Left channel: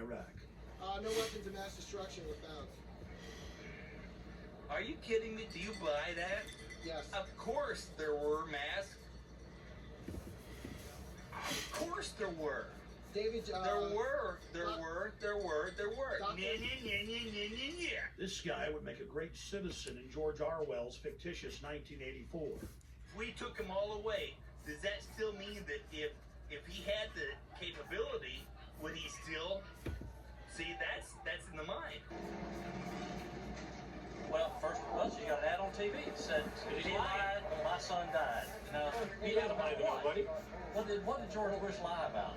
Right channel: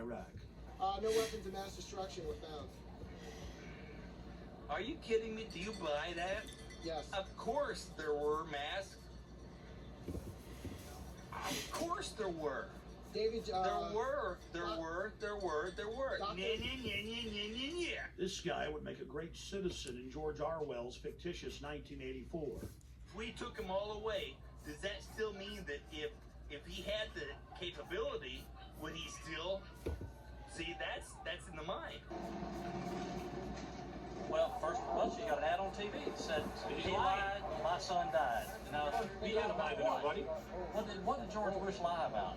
Iraq. No weapons of mass destruction were found. Are you kidding me? Do you buy that? Yes. Of course there were masks. Of course there were. David, There were. Yeah. This guy would make a great citizen in George Orwell's fictitious 1984. We took them all away. Does that still mean that if he had the capability, would he still? See, that's in the mind. Well, first of all, you got an ad on TV that said, if he lied, my son died. Now, He didn't lie to nobody. what did George Bush lie about?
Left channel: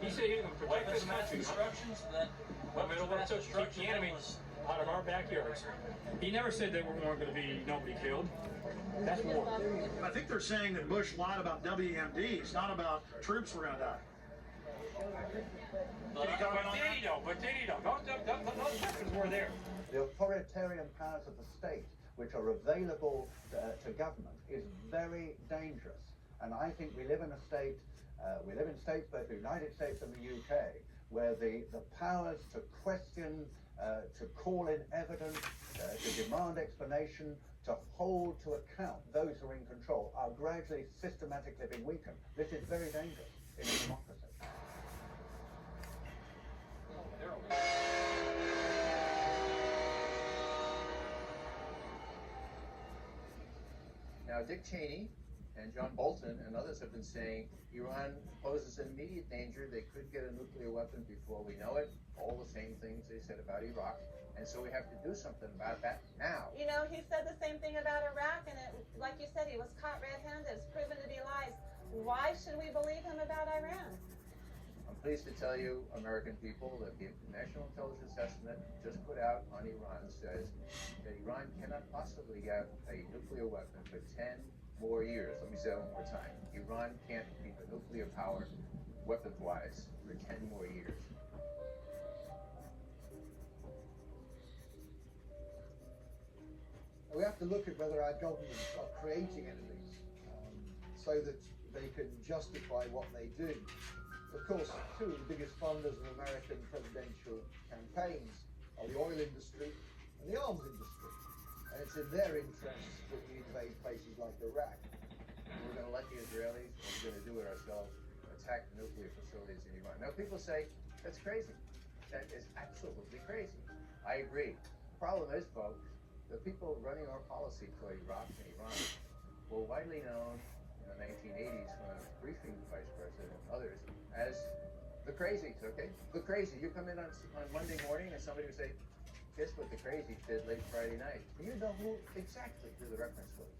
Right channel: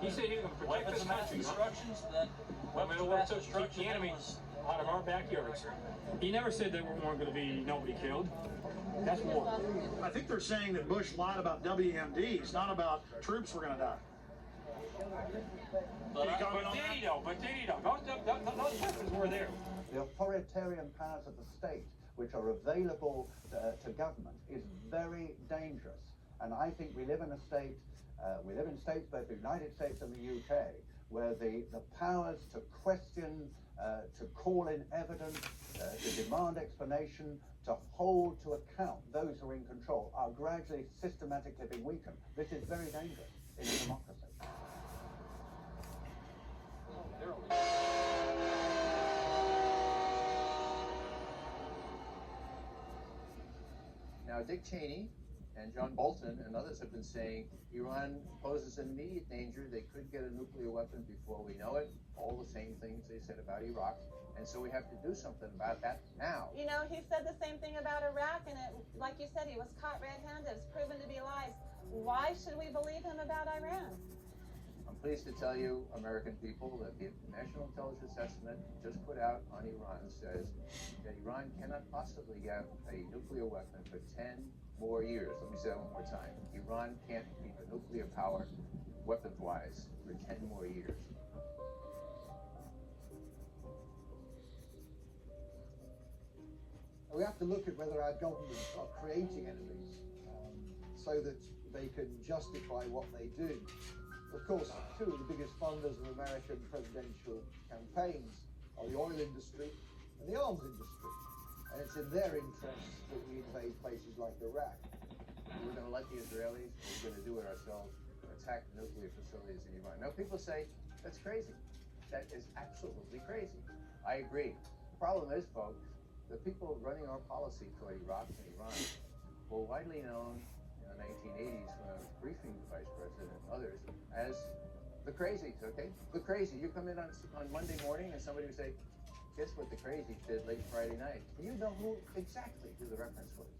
He said he was going to protect Weapons this of mass country. destructions? That Well, weapons we of were mass to keep destruction the enemy was out of our backyards. He never said there weren't going to be nobody killed. That's war. I think they're saying that Bush lied about WMDs, not about troops were going to die. But did he though? No Russians were there. The authoritarian powers of the state, which are available to government, is very dangerous. And I think we live in a state, we live in states, both the United States and the UK, where the powers to question, to call in evidence, to demand explanation, to hold to account those who are in control are gradually systematically being weakened. This is very dangerous in a democracy. Now, Dick Cheney and John Bolton and others have been saying Iran poses an immediate danger. They could get a nuclear weapon before we know it. All the same things they said about Iraq. And so we have to do something about that now. You know, he said the same thing about Iraq, and like you said, he was caught red-handed. It's proven to be lies. Why should we believe him about Iran? I'm pleased to tell you, American people, that the National Intelligence Estimate just put out on Iran says that Iran cannot possibly get a nuclear weapon for 10 more years. Let me say it one more time. Iran can't keep a nuclear power, weapons-wise, for 10 more years. We have to look at whether our governments are creating enemies so that they can justify what they do. Of course, two of the biggest funders of American presidential campaigns are the oil industry and the arms industry. And it's in their interests that we invade places like Iraq. We're going to let the Israelis, we're going to do it ourselves, attack nuclear facilities in Iran. Now, people say, that's crazy. That is absolutely crazy. I agree. The problem is, folks, the people running our policy toward Iraq and Iran were widely known in the 1980s when I was briefing the Vice President and others as the crazies, okay? The crazy. You come in on Monday morning and somebody would say, guess what the crazies did late Friday night? And you know who exactly who the reference was.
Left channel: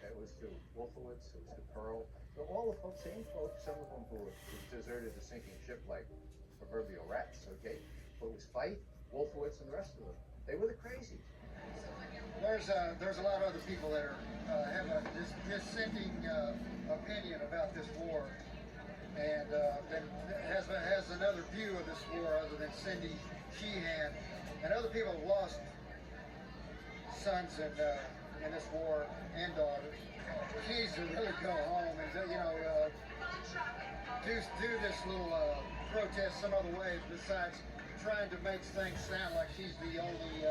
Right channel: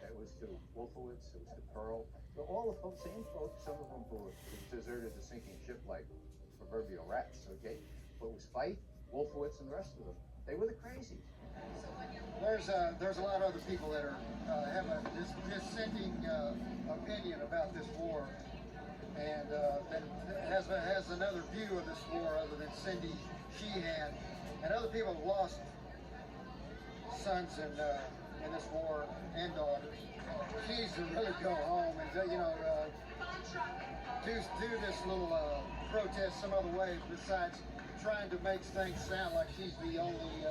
It was to Wolfowitz, it was to Pearl. They're all the folks, same folks, some of them who deserted a sinking ship like proverbial rats, okay? But it was Fife, Wolfowitz, and the rest of them. They were the crazies. There's a lot of other people that are have a dissenting opinion about this war, and that has another view of this war other than Cindy Sheehan, and other people have lost sons in this war and daughters. She needs to really go home and do this little protest some other way besides trying to make things sound like she's the only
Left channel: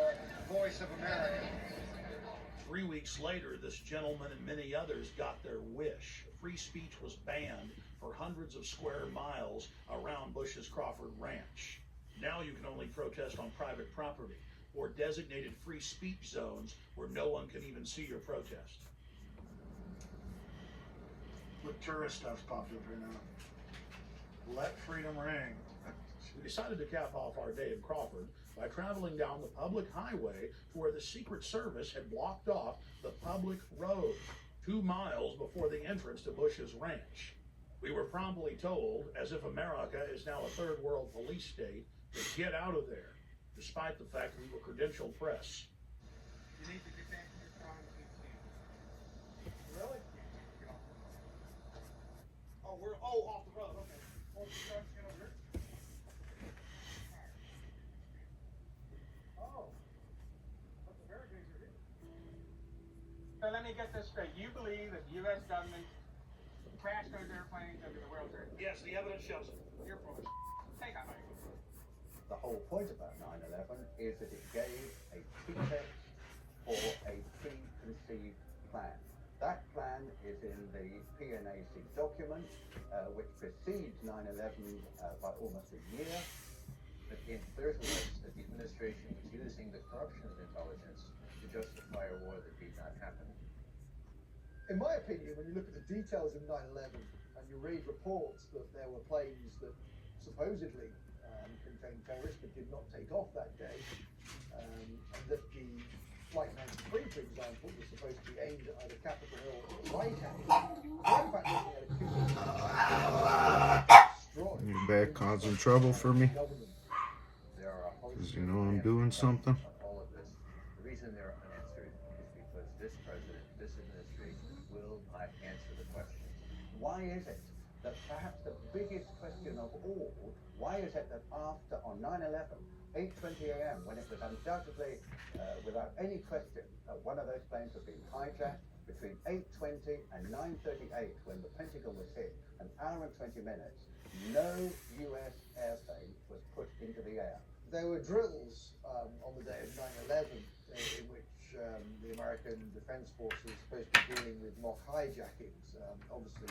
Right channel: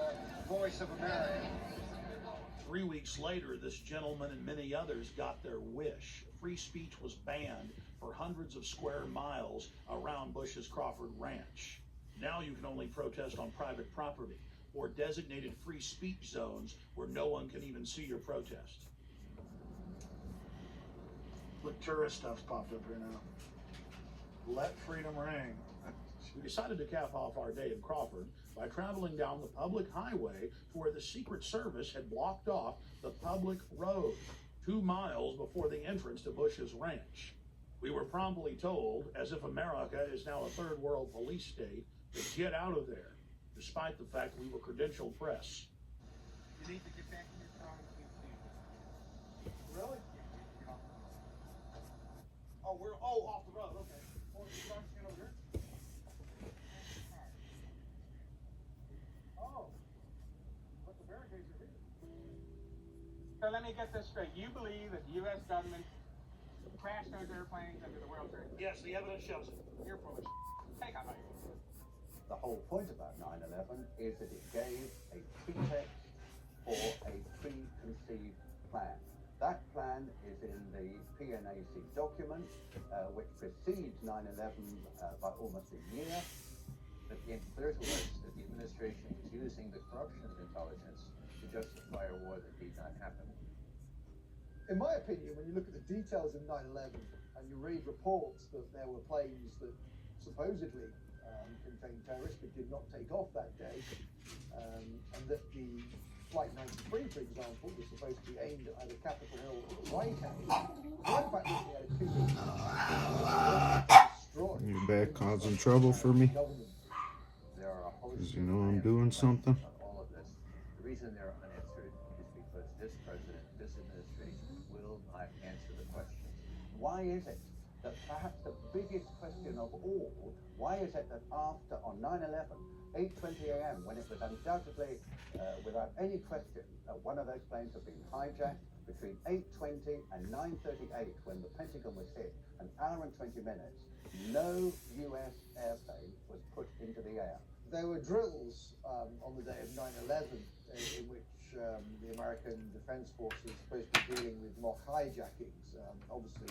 voice of America. 3 weeks later, this gentleman and many others got their wish. Free speech was banned for hundreds of square miles around Bush's Crawford Ranch. Now you can only protest on private property or designated free speech zones where no one can even see your protest. Look, tourist stuff's popped up here now. Let freedom ring. We decided to cap off our day in Crawford by traveling down the public highway to where the Secret Service had blocked off the public road 2 miles before the entrance to Bush's ranch. We were promptly told, as if America is now a third world police state, to get out of there, despite the fact we were credentialed press. You need to get back to the phone. Really? Oh, we're off the road. Okay. So let me get this straight. You believe that the U.S. government crashed those airplanes under the World Trade? Yes, the evidence shows it. Your proof. Take a hike. The whole point about 9/11 is that it gave a pretext for a preconceived plan. That plan is in the PNAC document, which precedes 9/11 by almost a year. But the clear to us that the administration was using the corruption of intelligence to justify a war that did not happen. In my opinion, when you look at the details of 9/11 and you read reports that there were planes that supposedly contained terrorists but did not take off that day, and that the Flight 93, for example, was supposed to be aimed at either Capitol Hill or the White House, the fact that they had a You back causing trouble for me? There are a host Because you know I'm doing something. on all of this. The reason they're unanswered is because this president, this administration will not answer the questions. Why is it that perhaps the biggest question of all, why is it that after, on 9/11, 8:20 a.m., when it was undoubtedly, without any question, one of those planes had been hijacked, between 8:20 and 9:38, when the Pentagon was hit, an hour and 20 minutes, no U.S. airplane was put into the air. There were drills on the day of 9/11 in which the American Defense Force was supposed to be dealing with mock hijackings. Obviously,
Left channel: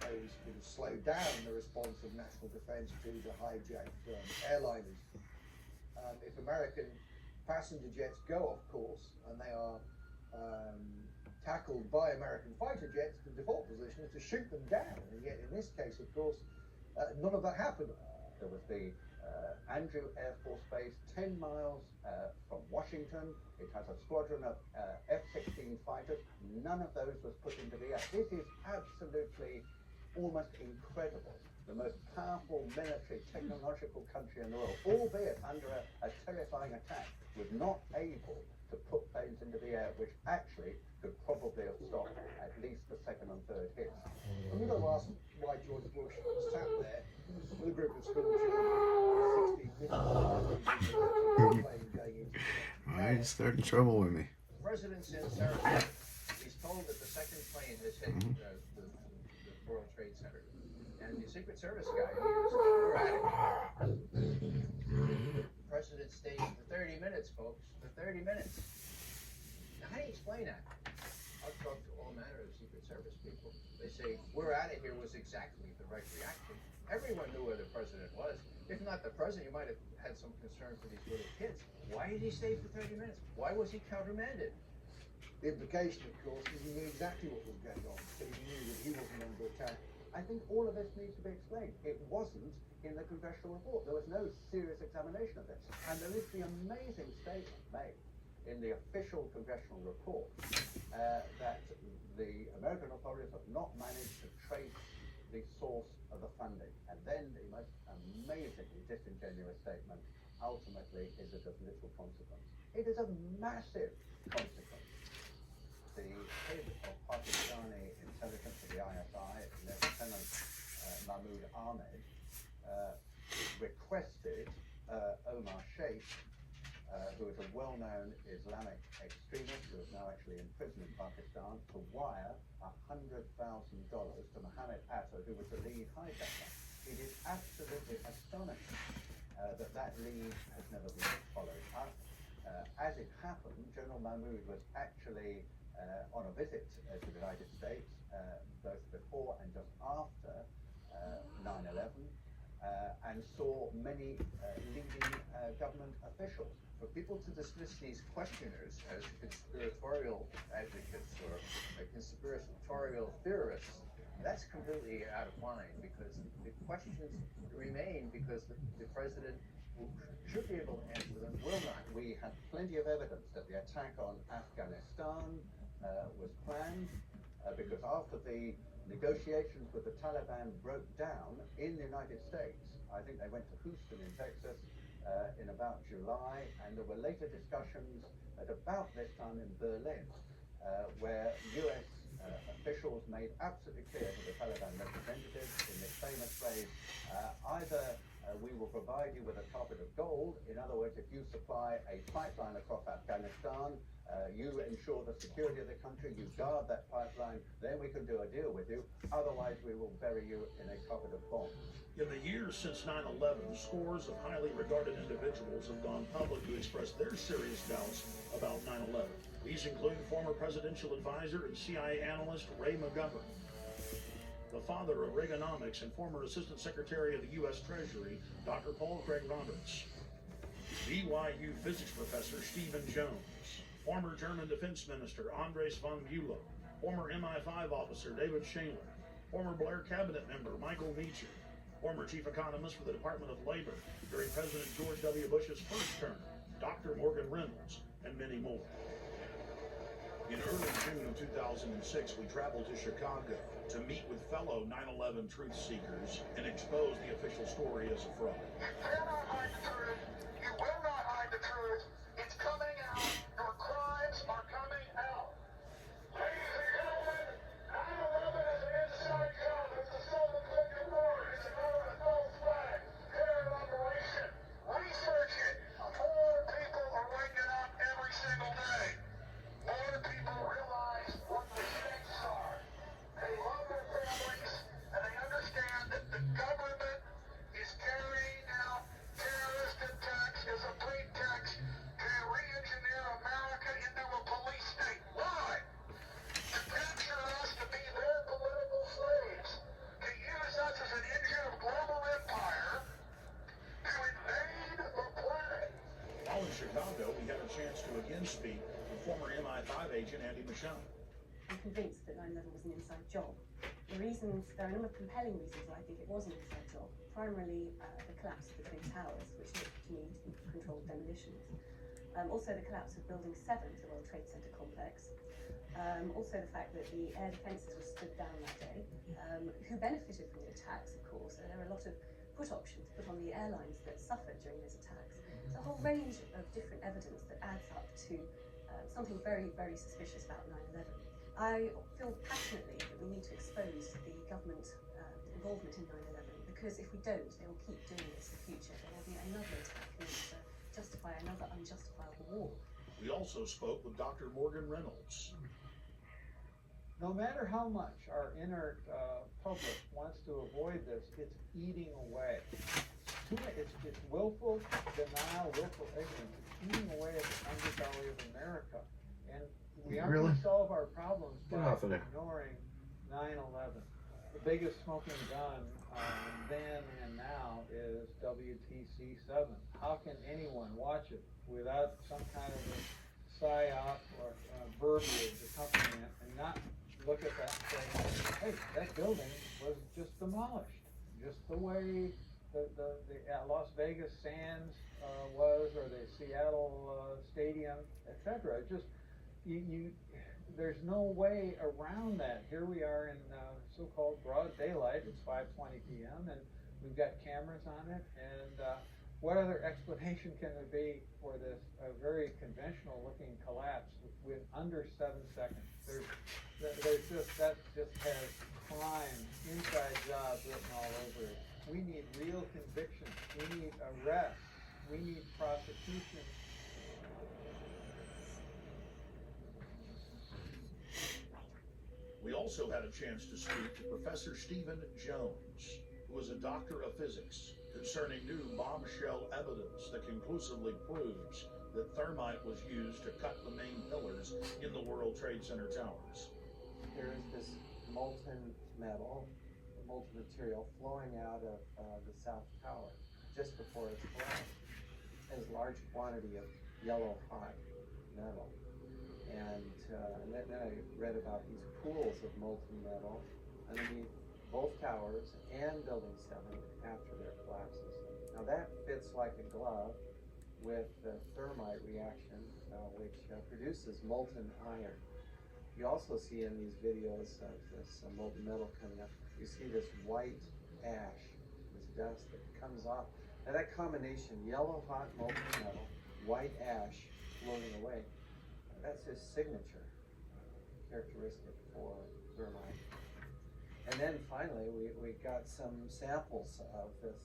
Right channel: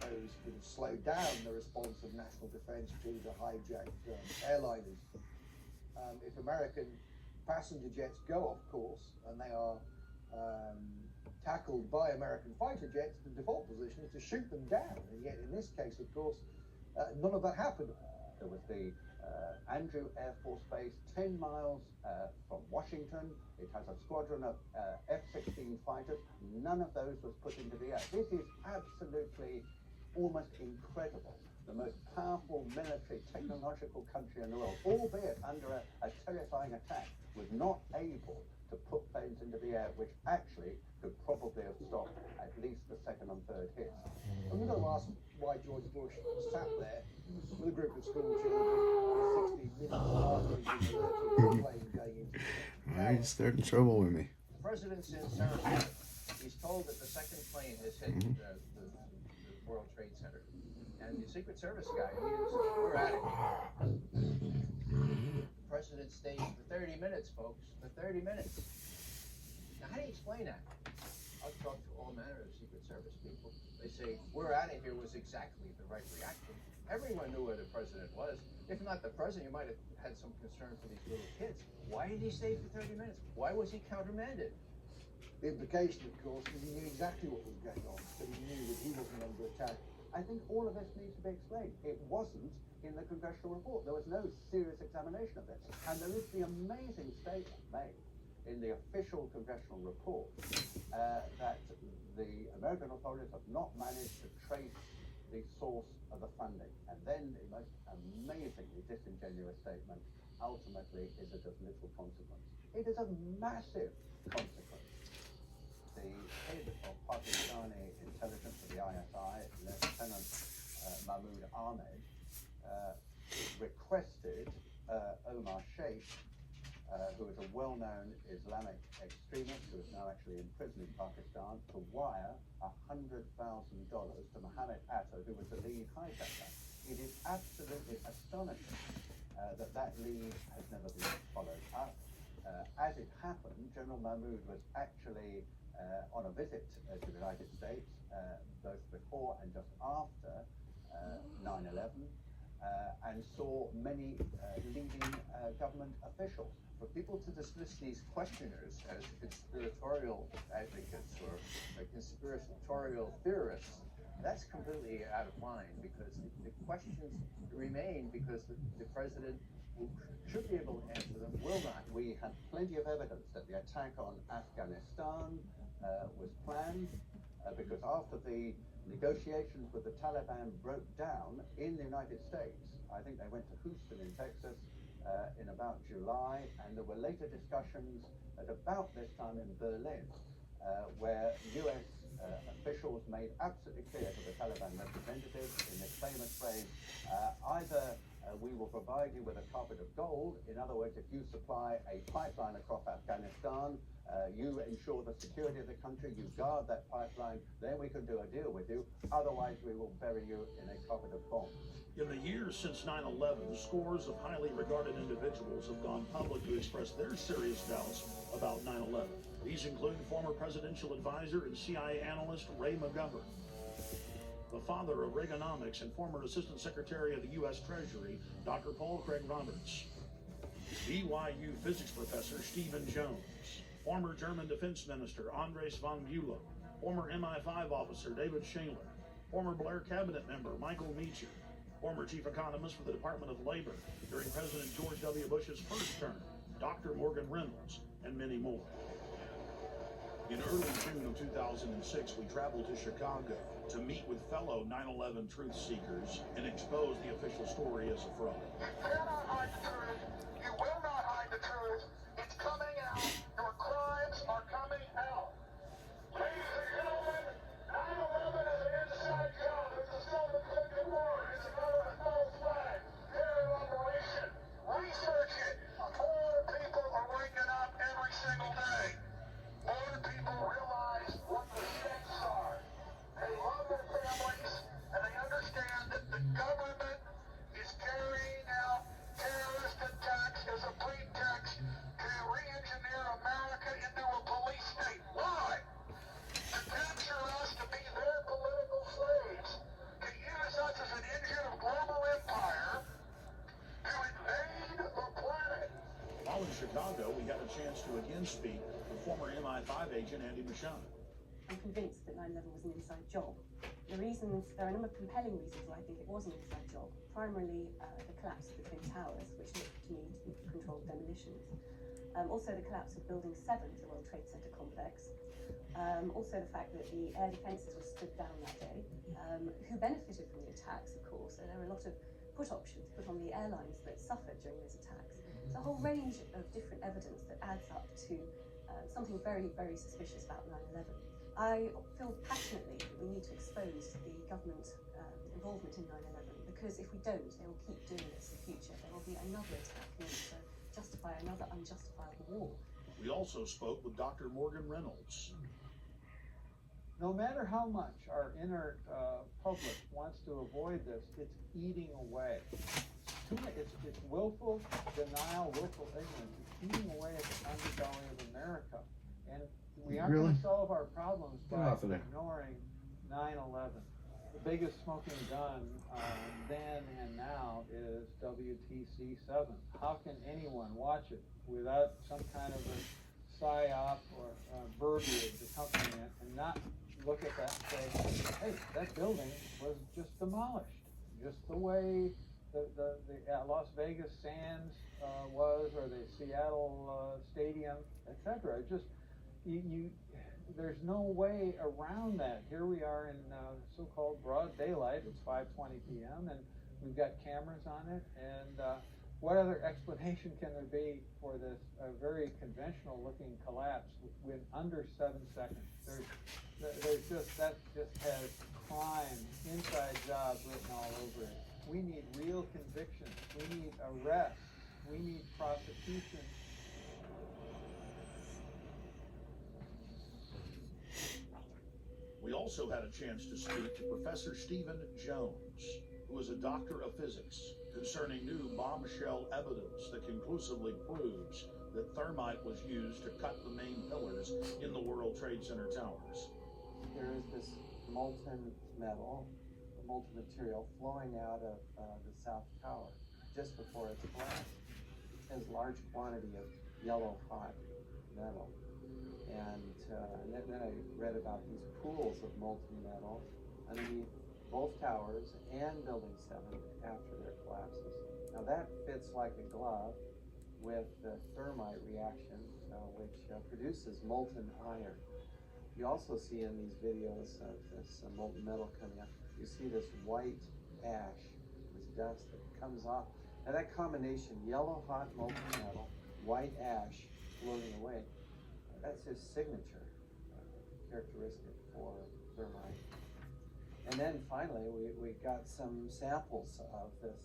those would have slowed down the response of national defense to the hijacked airliners. If American passenger jets go off course and they are tackled by American fighter jets, the default position is to shoot them down. And yet, in this case, of course, none of that happened. There was the Andrew Air Force Base, 10 miles from Washington. It has a squadron of F-16 fighters. None of those was put into the air. This is absolutely almost incredible. The most powerful military, technological country in the world, albeit under a terrifying attack, was not able to put planes into the air, which actually could probably have stopped at least the second and third hits. And we've got to ask why George Bush sat there with a group of school children, 16 minutes, Why are you starting trouble with me? The president's in Sarasota. He's told that the second plane has hit the World Trade Center. And the Secret Service guy, we're at it. The president stayed for 30 minutes, folks. For 30 minutes. Now, how do you explain that? I've talked to all manner of Secret Service people. They say, we're at it here was exactly the right reaction. Everyone knew where the president was. If not the president, you might have had some concern for these little kids. Why did he stay for 30 minutes? Why was he countermanded? The implication, of course, is he knew exactly what was going on, so he knew that he wasn't under attack. I think all of this needs to be explained. It wasn't in the congressional report. There was no serious examination of this. And there is the amazing statement made in the official congressional report that the American authorities have not managed to trace the source of the funding. And then the most amazingly disingenuous statement, ultimately, is it of little consequence. It is of massive consequence. The head of Pakistani intelligence of the ISI, Lieutenant Mahmoud Ahmed, requested Omar Sheikh, who is a well-known Islamic extremist who is now actually in prison in Pakistan, to wire $100,000 to Mohammed Atta, who was the lead hijacker. It is absolutely astonishing that lead has never been followed up. As it happened, General Mahmoud was actually on a visit to the United States, both before and just after 9/11, and saw many leading government officials. For people to dismiss these questioners as conspiratorial advocates or conspiratorial theorists, that's completely out of line, because the questions remain because the president, who should be able to answer them, will not. We had plenty of evidence that the attack on Afghanistan was planned because after the negotiations with the Taliban broke down in the United States, I think they went to Houston in Texas in about July, and there were later discussions at about this time in Berlin where US officials made absolutely clear to the Taliban representatives in this famous phrase, either We will provide you with a carpet of gold. In other words, if you supply a pipeline across Afghanistan, you ensure the security of the country, you guard that pipeline, then we can do a deal with you. Otherwise, we will bury you in a carpet of bombs. In the years since 9/11, scores of highly regarded individuals have gone public to express their serious doubts about 9/11. These include former presidential advisor and CIA analyst Ray McGovern, the father of Reaganomics and former Assistant Secretary of the U.S. Treasury, Dr. Paul Craig Roberts, BYU physics professor Stephen Jones, former German Defense Minister Andres von Bülow, former MI5 officer David Shaler, former Blair cabinet member Michael Meacher, former chief economist for the Department of Labor during President George W. Bush's first term, Dr. Morgan Reynolds, and many more. In early June of 2006, we traveled to Chicago to meet with fellow 9/11 truth seekers and expose the official story as a fraud. You cannot hide the truth. You will not hide the truth. It's coming out. Your crimes are coming out. Ladies and gentlemen, 9/11 is an inside job. It's a self-inflicted war. It's another false flag. Terror operation. Research it. More people are waking up every single day. More people realize what the stakes are. They love their families, and they understand that the government is carrying out terrorist attacks as a pretext to re-engineer America into a police state. Why? To capture us to be their political slaves, to use us as an engine of global empire, to invade the planet. While in Chicago, we had a chance to again speak with former MI5 agent Andy Michon. I'm convinced that 9/11 was an inside job. There are a number of compelling reasons why I think it was an inside job. Primarily, the collapse of the Twin Towers, which looked to me to be controlled demolitions. Also, the collapse of Building 7, the World Trade Center complex. Also, the fact that the air defences were stood down that day. Who benefited from the attacks, of course? There were a lot of put options put on the airlines that suffered during those attacks. There's a whole range of different evidence that adds up to something very, very suspicious about 9/11. I feel passionately that we need to expose the government involvement in 9/11, because if we don't, they will keep doing this in the future. There will be another attack meant to justify another unjustifiable war. We also spoke with Dr. Morgan Reynolds. No matter how much our inner public wants to avoid this, it's eating away. It's willful denial, willful ignorance. It's eating away at the underbelly of America. And we aren't going to solve our problems by ignoring 9/11. The biggest smoking gun then and now is WTC-7. How can anyone watch it without some kind of a psyop or verbiage accompanying it and not look at that and say, hey, that building was just demolished, just the way the Las Vegas Sands was, or the Seattle Stadium, etc. Just there's no way around that. Here we are in so-called broad daylight. It's 5:20 p.m. and we've got cameras on it. And what other explanation can there be for this very conventional-looking collapse with under 7 seconds? That just has crime, inside jobs written all over it. We need real conviction. We need arrest. We need prosecution. We also had a chance to speak to Professor Stephen Jones, who is a doctor of physics, concerning new bombshell evidence that conclusively proves that thermite was used to cut the main pillars in the World Trade Center towers. There is this molten metal, molten material flowing out of the South Tower just before it's collapsed. It has a large quantity of yellow hot metal. And then I read about these pools of molten metal underneath both towers and Building 7 after their collapses. Now that fits like a glove with the thermite reaction, which produces molten iron. You also see in these videos of this molten metal coming up, you see this white ash, this dust that comes off. Now that combination, yellow hot molten metal, white ash floating away, that's his signature characteristic for thermite. And then finally, we got some samples of this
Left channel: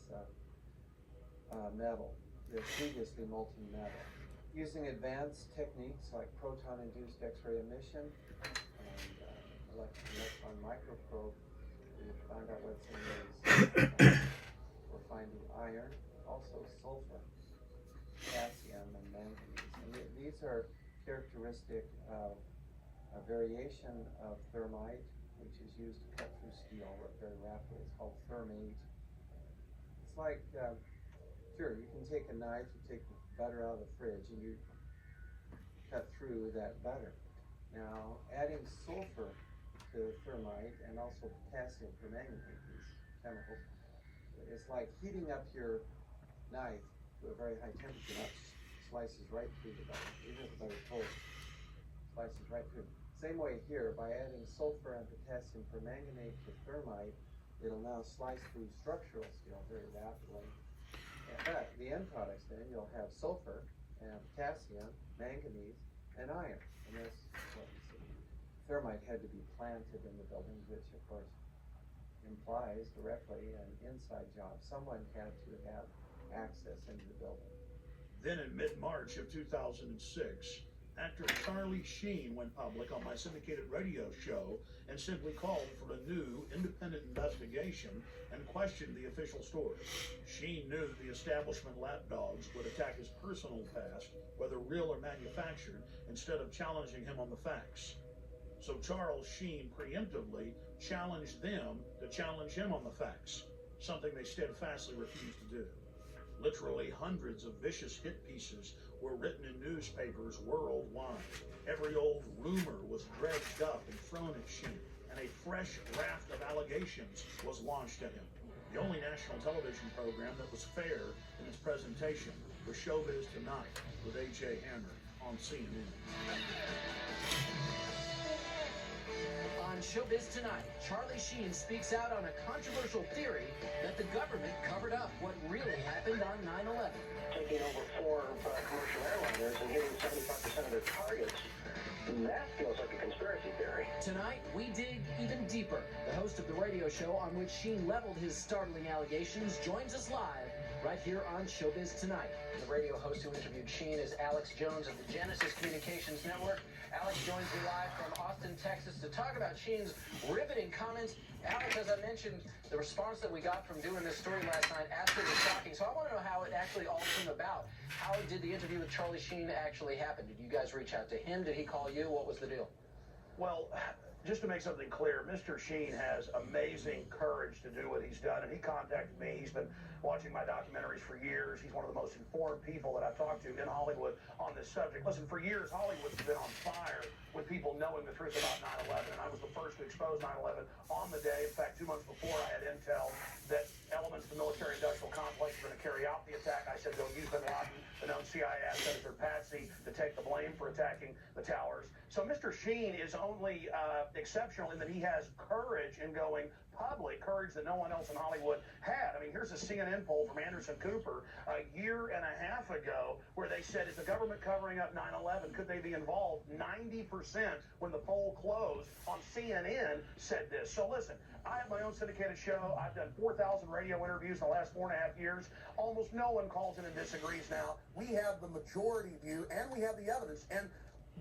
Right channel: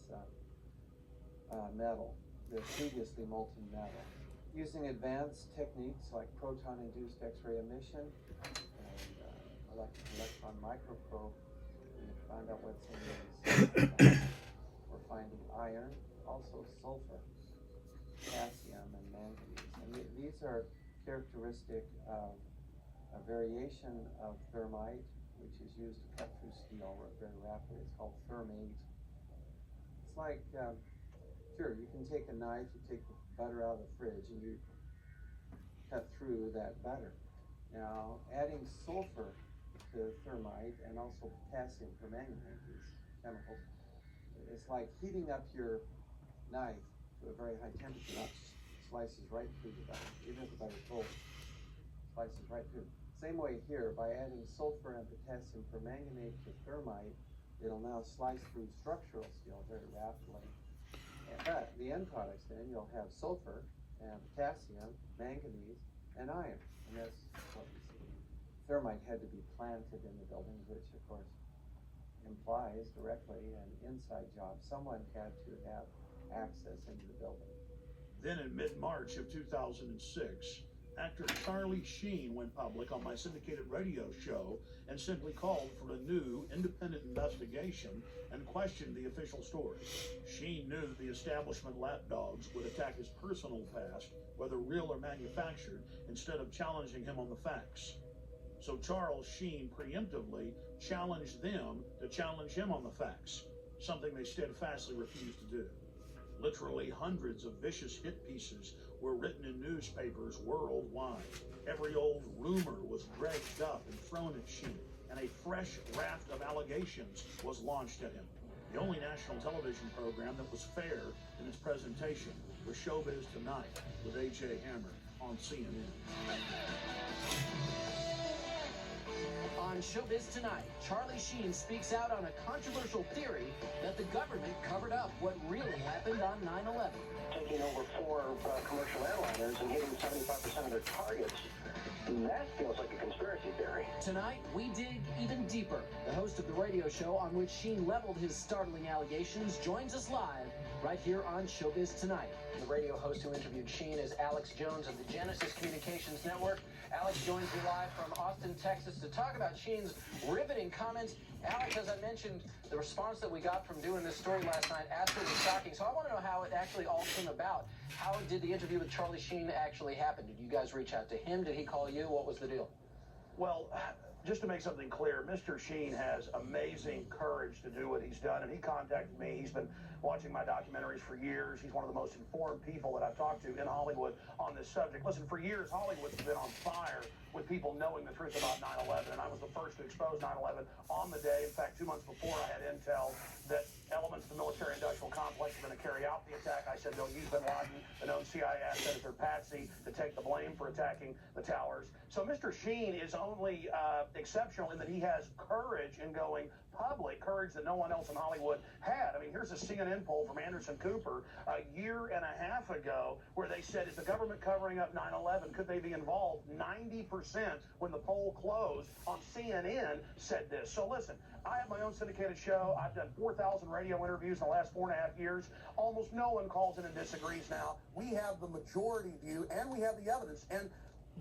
metal, the previously molten metal. Using advanced techniques like proton-induced X-ray emission and electron microprobe, we find out what's in these. We're finding iron, also sulfur, potassium, and manganese. And these are characteristic of a variation of thermite, which is used to cut through steel very rapidly. It's called thermate. It's like, sure, you can take a knife, you take the butter out of the fridge, and you cut through that butter. Now, adding sulfur to thermite and also potassium permanganate, these chemicals, it's like heating up your knife to a very high temperature, that slices right through the butter, even if the butter's cold, slices right through. Same way here, by adding sulfur and potassium permanganate to thermite, it'll now slice through structural steel very rapidly. But the end products then, you'll have sulfur and potassium, manganese, and iron. And that's what we see. Thermite had to be planted in the buildings, which of course implies directly an inside job. Someone had to have access into the building. Then in mid-March of 2006, actor Charlie Sheen went public on my syndicated radio show and simply called for a new independent investigation and questioned the official story. Sheen knew that the establishment lapdogs would attack his personal past, whether real or manufactured, instead of challenging him on the facts. So Charles Sheen preemptively challenged them to challenge him on the facts, something they steadfastly refused to do. Literally hundreds of vicious hit pieces were written in newspapers worldwide. Every old rumor was dredged up and thrown at Sheen, and a fresh raft of allegations was launched at him. The only national television program that was fair in its presentation was Showbiz Tonight with A.J. Hammer on CNN. On Showbiz Tonight, Charlie Sheen speaks out on a controversial theory that the government covered up what really happened on 9/11. Taking over 4 commercial airliners and hitting 75% of their targets. That feels like a conspiracy theory. Tonight, we dig even deeper. The host of the radio show on which Sheen leveled his startling allegations joins us live right here on Showbiz Tonight. The radio host who interviewed Sheen is Alex Jones of the Genesis Communications Network. Alex joins me live from Austin, Texas to talk about Sheen's riveting comments. Alex, as I mentioned, the response that we got from doing this story last night absolutely shocking. So I want to know how it actually all came about. How did the interview with Charlie Sheen actually happen? Did you guys reach out to him? Did he call you? What was the deal? Well, just to make something clear, Mr. Sheen has amazing courage to do what he's done, and he contacted me. He's been watching my documentaries for years. He's one of the most informed people that I've talked to in Hollywood on this subject. Listen, for years, Hollywood's been on fire with people knowing the truth about 9/11, and I was the first to expose 9/11 on the day. In fact, 2 months before, I had intel that elements of the military-industrial complex were going to carry out the attack. I said they'll use Bin Laden, the known CIA asset, their patsy, to take the blame for attacking the towers. So Mr. Sheen is only exceptional in that he has courage in going public, courage that no one else in Hollywood had. I mean, here's a CNN poll from Anderson Cooper a year and a half ago where they said, is the government covering up 9/11? Could they be involved? 90% when the poll closed on CNN said this. So listen, I have my own syndicated show. I've done 4,000 radio interviews in the last 4.5 years. Almost no one calls in and disagrees now. We have the majority view and we have the evidence. And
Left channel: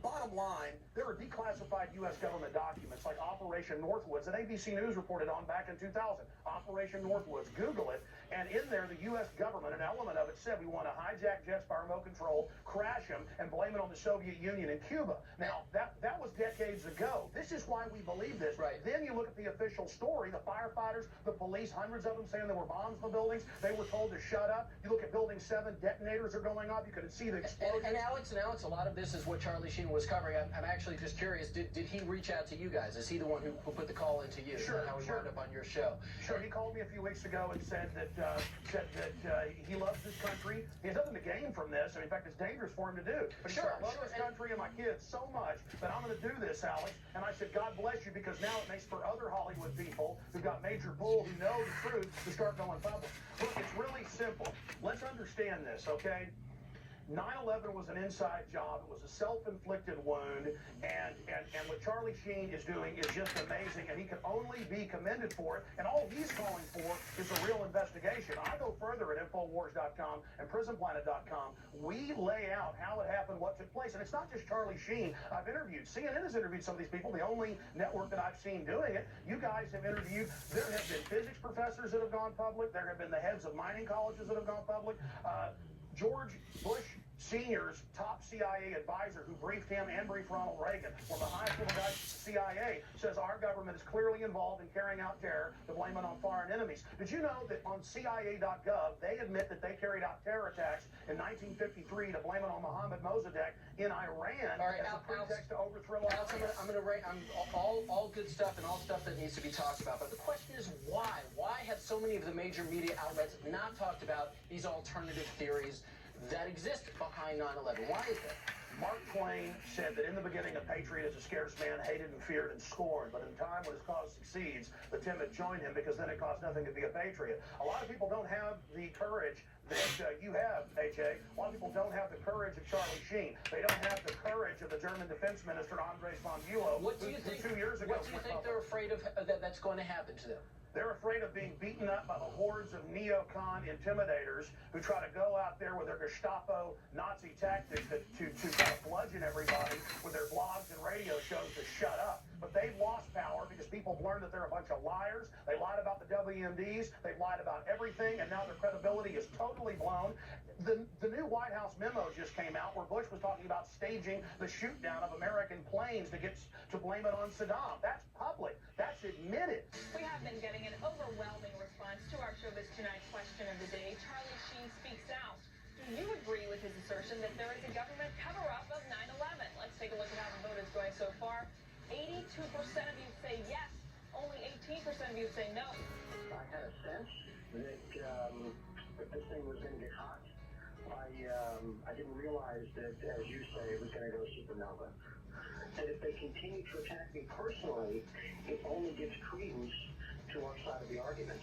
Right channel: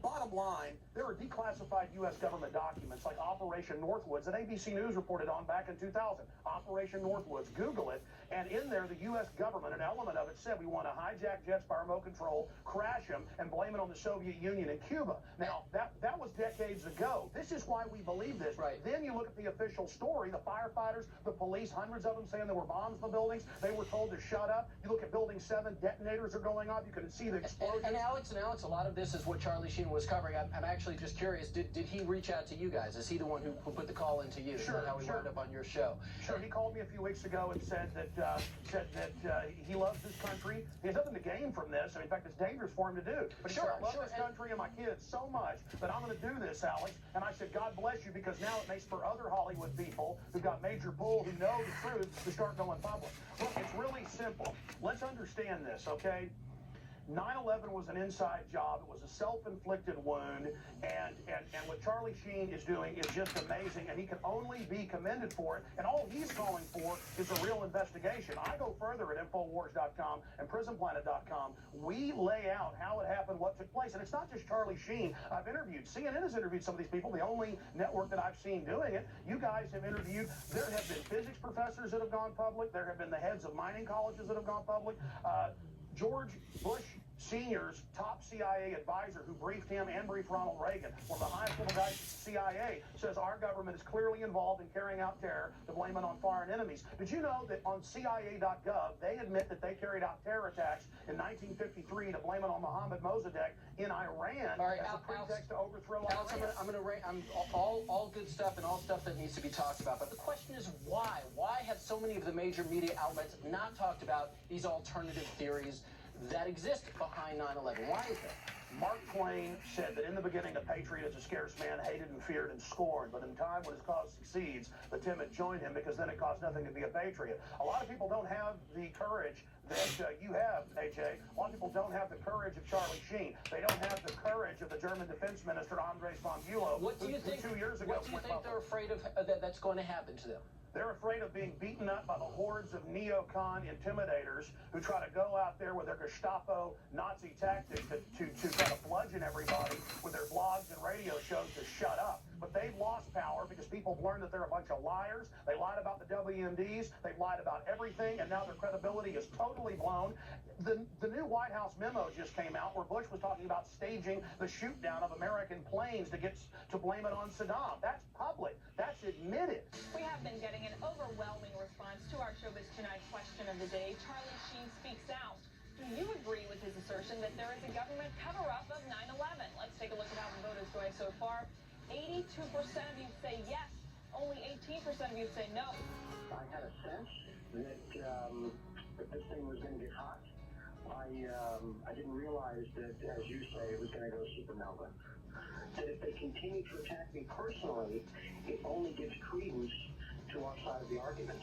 bottom line, there are declassified U.S. government documents like Operation Northwoods that ABC News reported on back in 2000. Operation Northwoods, Google it, and in there the U.S. government, an element of it said we want to hijack jets by remote control, crash them, and blame it on the Soviet Union and Cuba. Now, that was decades ago. This is why we believe this. Right. Then you look at the official story, the firefighters, the police, hundreds of them saying there were bombs in the buildings. They were told to shut up. You look at Building 7, detonators are going off. You can see the explosions. And Alex, a lot of this is what Charlie Sheen was covering. I'm actually just curious, did he reach out to you guys? Is he the one who put the call into you? Sure, How we wound up on your show? Sure, he called me a few weeks ago and said that he loves his country. He has nothing to gain from this, and in fact, it's dangerous for him to do. But he said, I love this country and my kids so much that I'm going to do this, Alex. And I said, God bless you, because now it makes for other Hollywood people who've got major pull, who know the truth, to start going public. Look, it's really simple. Let's understand this, okay? 9/11 was an inside job. It was a self-inflicted wound, and what Charlie Sheen is doing is just amazing, and he can only be commended for it. And all he's calling for is a real investigation. I go further at Infowars.com and PrisonPlanet.com. We lay out how it happened, what took place, and it's not just Charlie Sheen. I've interviewed. CNN has interviewed some of these people. The only network that I've seen doing it. You guys have interviewed. There have been physics professors that have gone public. There have been the heads of mining colleges that have gone public. George Bush Sr.'s top CIA advisor who briefed him and briefed Ronald Reagan, one of the highest level guys at the CIA, says our government is clearly involved in carrying out terror to blame it on foreign enemies. Did you know that on CIA.gov, they admit that they carried out terror attacks in 1953 to blame it on Mohammad Mossadegh in Iran as a pretext to overthrow Iran? I'm going to write all good stuff and all stuff that needs to be talked about. But the question is why? Why have so many of the major media outlets not talked about these alternative theories that exist behind 9/11? Why is that? Mark Twain said that in the beginning, a patriot is a scarce man, hated and feared and scorned. But in time when his cause succeeds, the timid join him, because then it costs nothing to be a patriot. A lot of people don't have the courage that you have, AJ. A lot of people don't have the courage of Charlie Sheen. They don't have the courage of the German defense minister, Andres von Bülow, What do you think 2 years ago. What do you think they're afraid of that's going to happen to them? They're afraid of being beaten up by the hordes of neocon intimidators who try to go out there with their Gestapo Nazi tactics to kind of bludgeon everybody with their blogs and radio shows to shut up. But they've lost power because people have learned that they're a bunch of liars. They lied about the WMDs. They've lied about everything, and now their credibility is totally blown. The new White House memo just came out where Bush was talking about staging the shoot down of American planes to blame it on Saddam. That's public. That's admitted. We have been getting an overwhelming response to our Showbiz Tonight question of the day. Charlie Sheen speaks out. Do you agree with his assertion that there is a government cover-up of 9/11? Let's take a look at how the voters doing so far. 82% of you say yes. Only 18% of you say no. I had a sense that this thing was going to get hot. I didn't realize that, as you say, it was going to go supernova. That if they continue to attack me personally, it only gives credence to our side of the argument.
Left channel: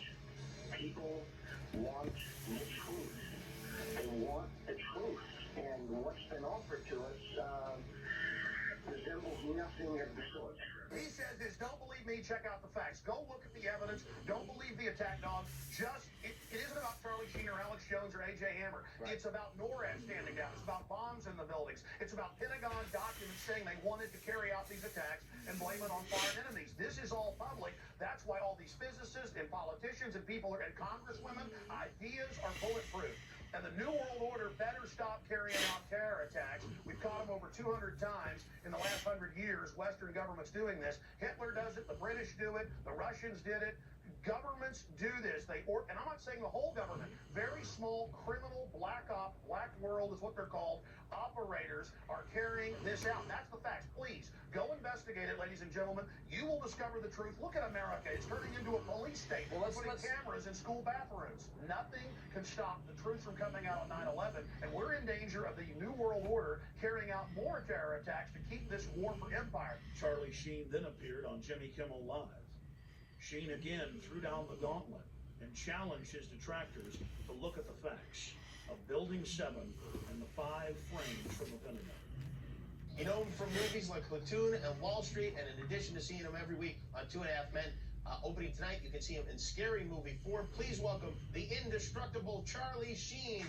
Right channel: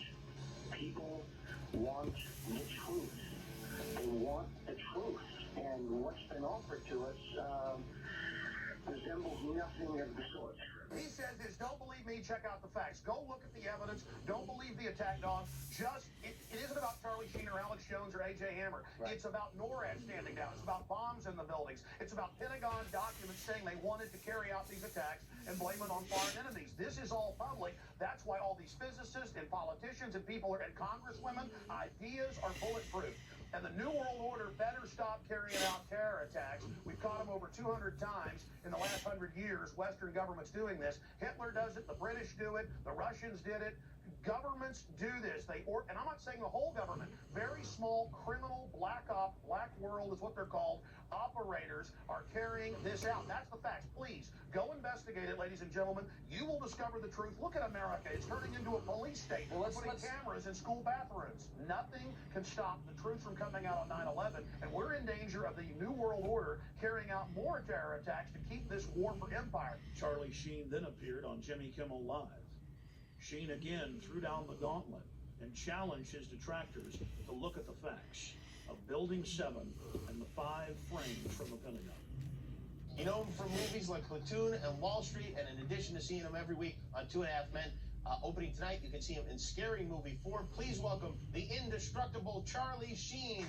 People want the truth. They want the truth. And what's been offered to us resembles nothing of the sort. He says this, don't believe me, check out the facts. Go look at the evidence. Don't believe the attack dog. It isn't about Charlie Sheen or Alex Jones or AJ Hammer. Right. It's about NORAD standing down. It's about bombs in the buildings. It's about Pentagon documents saying they wanted to carry out these attacks and blame it on foreign enemies. This is all public. That's why all these physicists and politicians and people and congresswomen, ideas are bulletproof. And the New World Order better stop carrying out terror attacks. We've caught them over 200 times in the last 100 years. Western governments doing this. Hitler does it. The British do it. The Russians did it. Governments do this. And I'm not saying the whole government. Very small criminal black world is what they're called. Operators are carrying this out. That's the facts. Please go investigate it, ladies and gentlemen. You will discover the truth. Look at America. It's turning into a police state. We're putting cameras in school bathrooms. Nothing can stop the truth from coming out on 9/11, and we're in danger of the New World Order carrying out more terror attacks to keep this war for empire. Charlie Sheen then appeared on Jimmy Kimmel Live. Sheen again threw down the gauntlet and challenged his detractors to look at the facts of Building 7 and the 5 frames from the Pentagon. You know him from movies like Platoon and Wall Street, and in addition to seeing him every week on 2.5 Men, opening tonight, you can see him in Scary Movie 4. Please welcome the indestructible Charlie Sheen.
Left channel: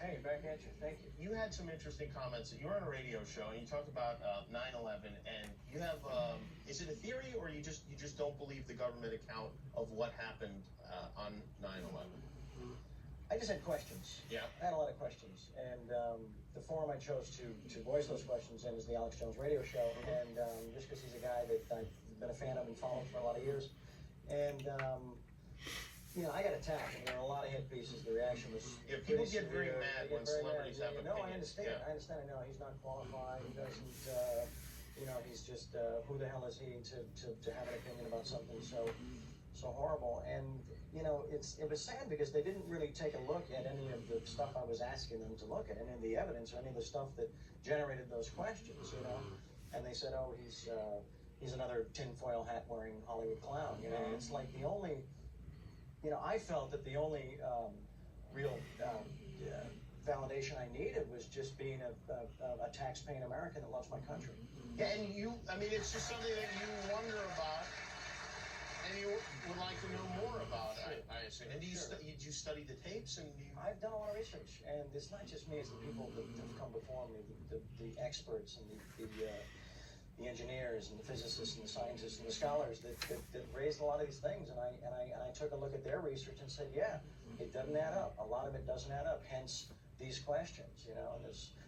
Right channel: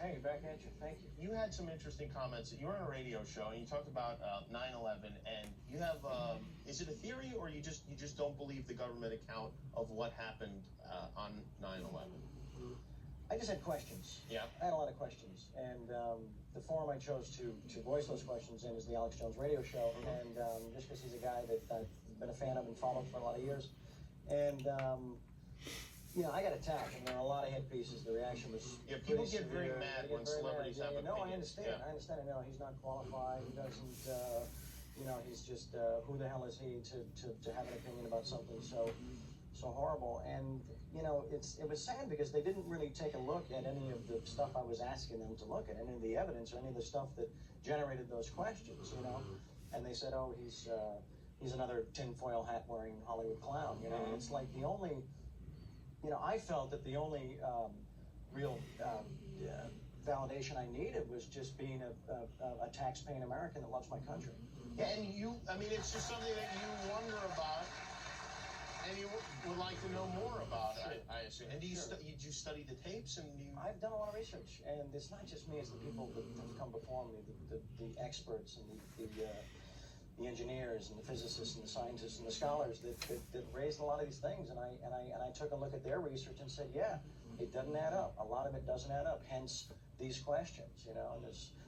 Hey, back at you. Thank you. You had some interesting comments. You were on a radio show and you talked about 9/11, and you have is it a theory or you just don't believe the government account of what happened on 9/11? I just had questions. Yeah. I had a lot of questions, and the forum I chose to voice those questions in is the Alex Jones radio show, and just because he's a guy that I've been a fan of and followed for a lot of years, and you know, I got attacked. I mean, a lot of hit pieces. The reaction was people get very mad when celebrities have opinions. No, I understand. Yeah. I understand. No, he's not qualified. He doesn't. you know, he's just, who the hell is he to have an opinion about something so horrible? And, you know, it was sad because they didn't really take a look at any of the stuff I was asking them to look at, any of the evidence or any of the stuff that generated those questions, you know? And they said, oh, he's another tinfoil hat wearing Hollywood clown, you know? And it's like the only, you know, I felt that the only real validation I needed was just being a tax-paying American that loves my country. Yeah, and I mean, it's just something that you wonder about, and you would like to know more about, I assume. And did you study the tapes? And I've done a lot of research, and it's not just me, it's the people that have come before me, the experts and the engineers and the physicists and the scientists and the scholars that raised a lot of these things, and I took a look at their research and said, yeah, it doesn't add up. A lot of it doesn't add up, hence these questions, you know. And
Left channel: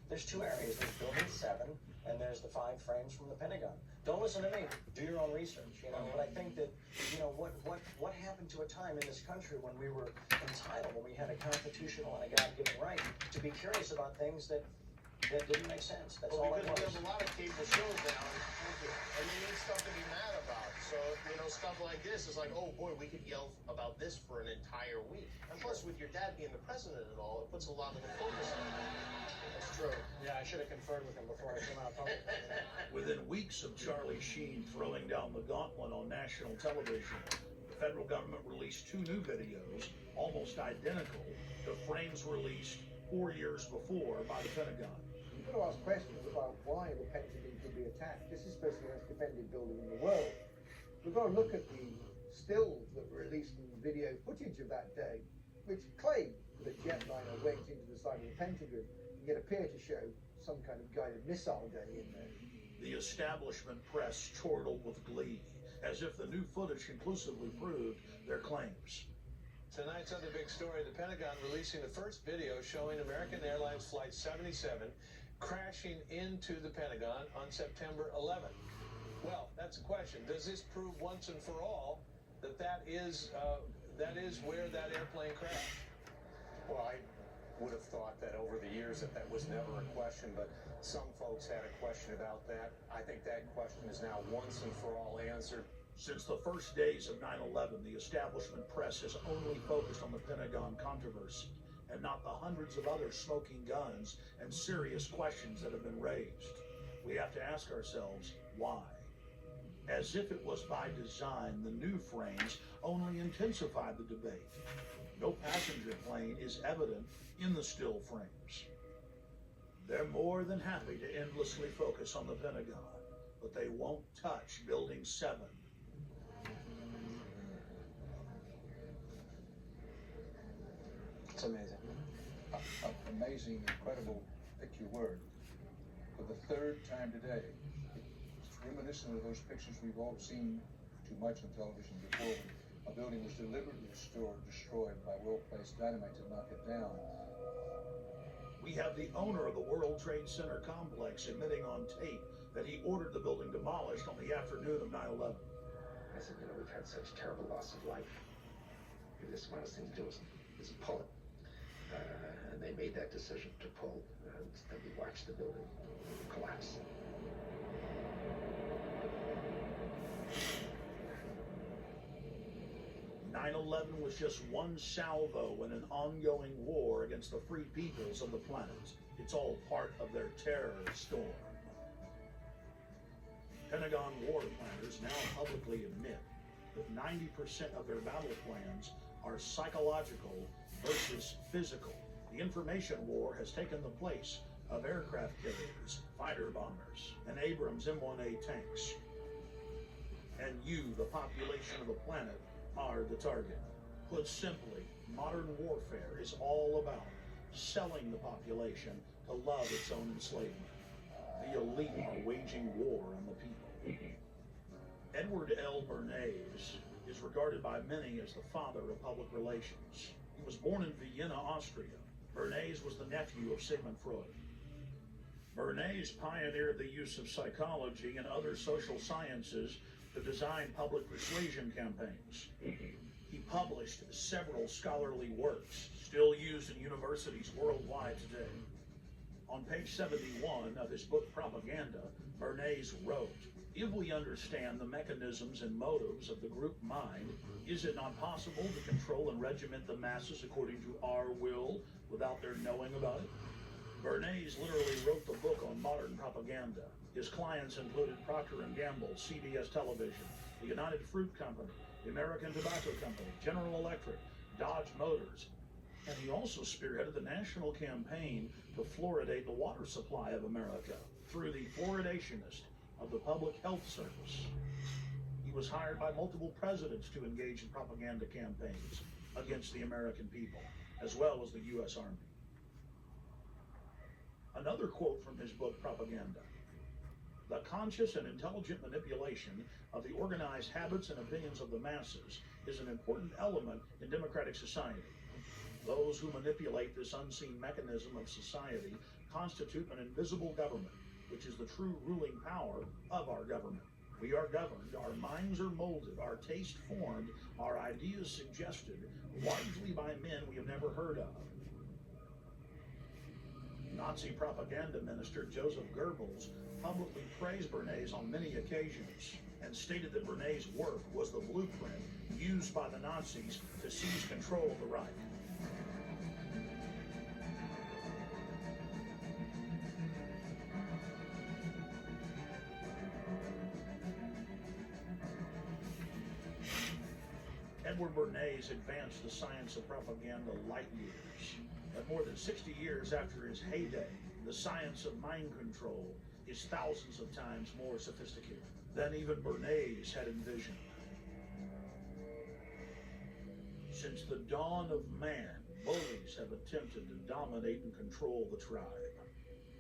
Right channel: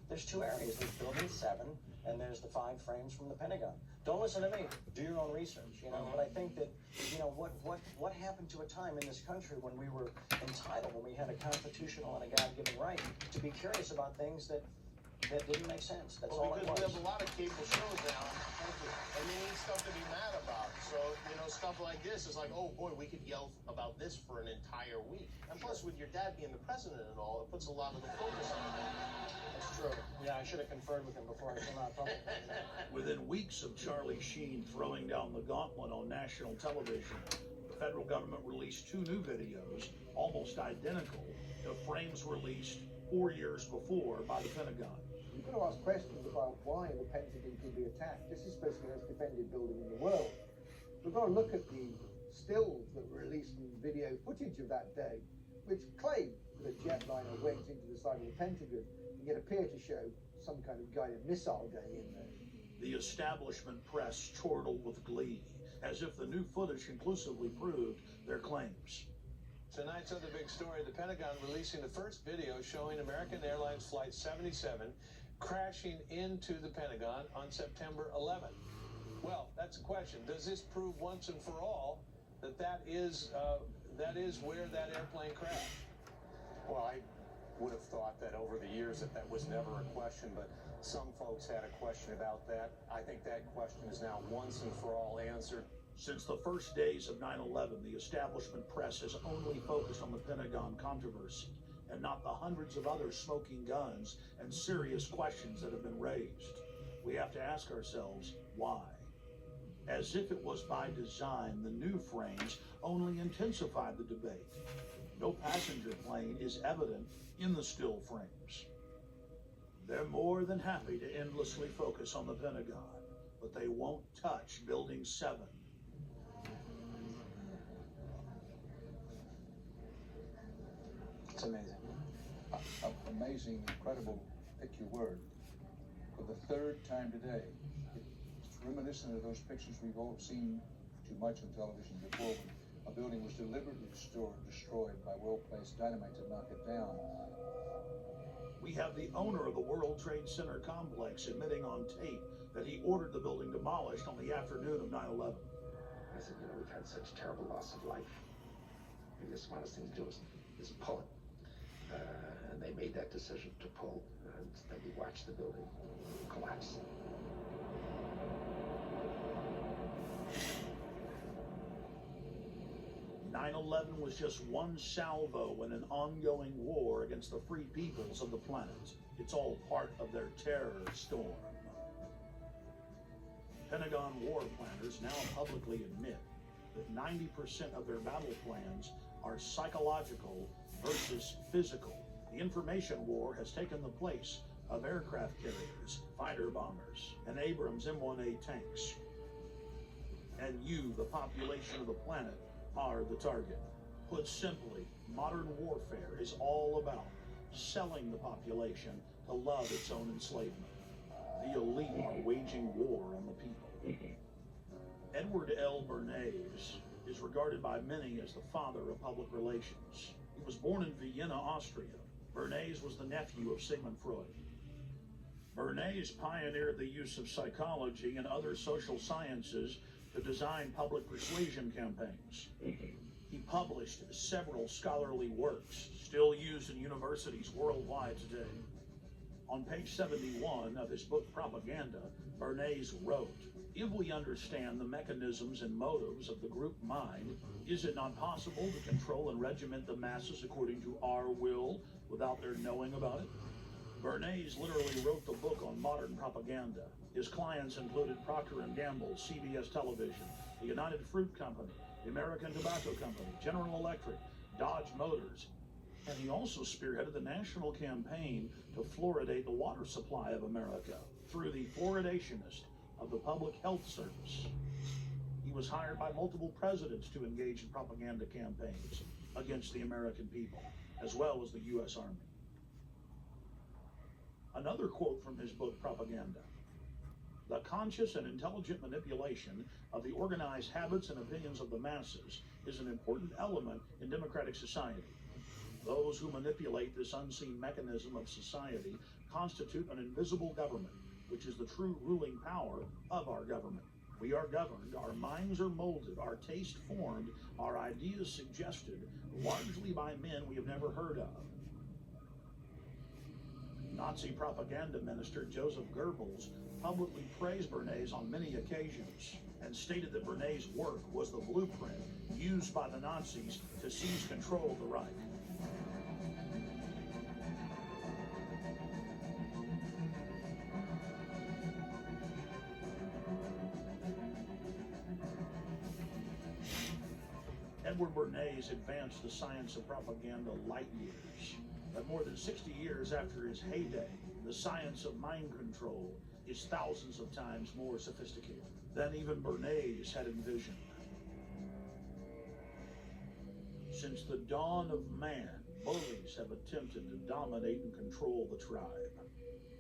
there's two areas. There's Building 7, and there's the 5 frames from the Pentagon. Don't listen to me. Do your own research, you know. But I think that, you know, what happened to a time in this country when we were entitled, when we had a constitutional and a God-given right to be curious about things that didn't make sense. That's all I because want. we have a lot of cable shows now, and you need stuff to be mad about. So, you know, stuff like this is like, oh boy, we could yell about this for an entire week. And plus, with your dad being the president and all, it puts a lot of the focus on that. That's true. Yeah, I should have conferred with him before I came out publicly. Within weeks of Charlie Sheen throwing down the gauntlet on national television, the federal government released 2 new videos, almost identical to frames released 4 years before by the Pentagon. You've got to ask questions about why the Pentagon could be attacked. This is supposed to be the most defended building in the world. We've got to look at the stills that were released in video footage of that day, which claim that jetliner went into the side of the Pentagon and yet appear to show some kind of guided missile day in there. The establishment press chortled with glee, as if the new footage conclusively proved their claims. Tonight's other big story, the Pentagon releasing the first video showing American Airlines Flight 77 crashing into the Pentagon on September 11th. Well, that's the question. Does this prove once and for all that is where that airplane crashed? Well, I would have thought that over the years that was never a question, but some folks had a question about that. I think that question is now once and for all answered. Since the first days of 9/11, the establishment press has only focused on the Pentagon controversy and not the hundreds of other smoking guns and serious questions that have been raised. We have to ask ourselves, why? As if it was by design, the new frames only intensified the debate. No passenger plane is evident in the still frames. They're more than happy to endlessly focus on the Pentagon, but they won't touch Building 7. It's amazing. Amazing, incredible, pick your word. For the 3rd time today, it's reminiscent of those pictures we've all seen too much on television before, when a building was deliberately destroyed by well-placed dynamite to knock it down. We have the owner of the World Trade Center complex admitting on tape that he ordered the building demolished on the afternoon of 9/11. I said, you know, we've had such terrible loss of life. The smartest thing to do is pull it. And they made that decision to pull, and then we watched the building collapse. "9/11 was just one salvo in an ongoing war against the free peoples of the planet. It's all part of their terror storm." Pentagon war planners now publicly admit that 90% of their battle plans are psychological versus physical. The information war has taken the place of aircraft carriers, fighter bombers, and Abrams M1A tanks. And you, the population of the planet, are the target. Put simply, modern warfare is all about selling the population to love its own enslavement. The elite are waging war on the people. Edward L. Bernays is regarded by many as the father of public relations. He was born in Vienna, Austria. Bernays was the nephew of Sigmund Freud. Bernays pioneered the use of psychology and other social sciences to design public persuasion campaigns. He published several scholarly works, still used in universities worldwide today. On page 71 of his book Propaganda, Bernays wrote, "If we understand the mechanisms and motives of the group mind, is it not possible to control and regiment the masses according to our will without their knowing about it?" Bernays literally wrote the book on modern propaganda. His clients included Procter & Gamble, CBS Television, the United Fruit Company, the American Tobacco Company, General Electric, Dodge Motors, and he also spearheaded the national campaign to fluoridate the water supply of America through the fluoridationist of the Public Health Service. He was hired by multiple presidents to engage in propaganda campaigns against the American people, as well as the U.S. Army. Another quote from his book, Propaganda: "The conscious and intelligent manipulation of the organized habits and opinions of the masses is an important element in democratic society. Those who manipulate this unseen mechanism of society constitute an invisible government, which is the true ruling power of our government. We are governed, our minds are molded, our taste formed, our ideas suggested, largely by men we have never heard of." Nazi propaganda minister Joseph Goebbels publicly praised Bernays on many occasions and stated that Bernays' work was the blueprint used by the Nazis to seize control of the Reich. Edward Bernays advanced the science of propaganda light years. But more than 60 years after his heyday, the science of mind control is thousands of times more sophisticated than even Bernays had envisioned. Since the dawn of man, bullies have attempted to dominate and control the tribe.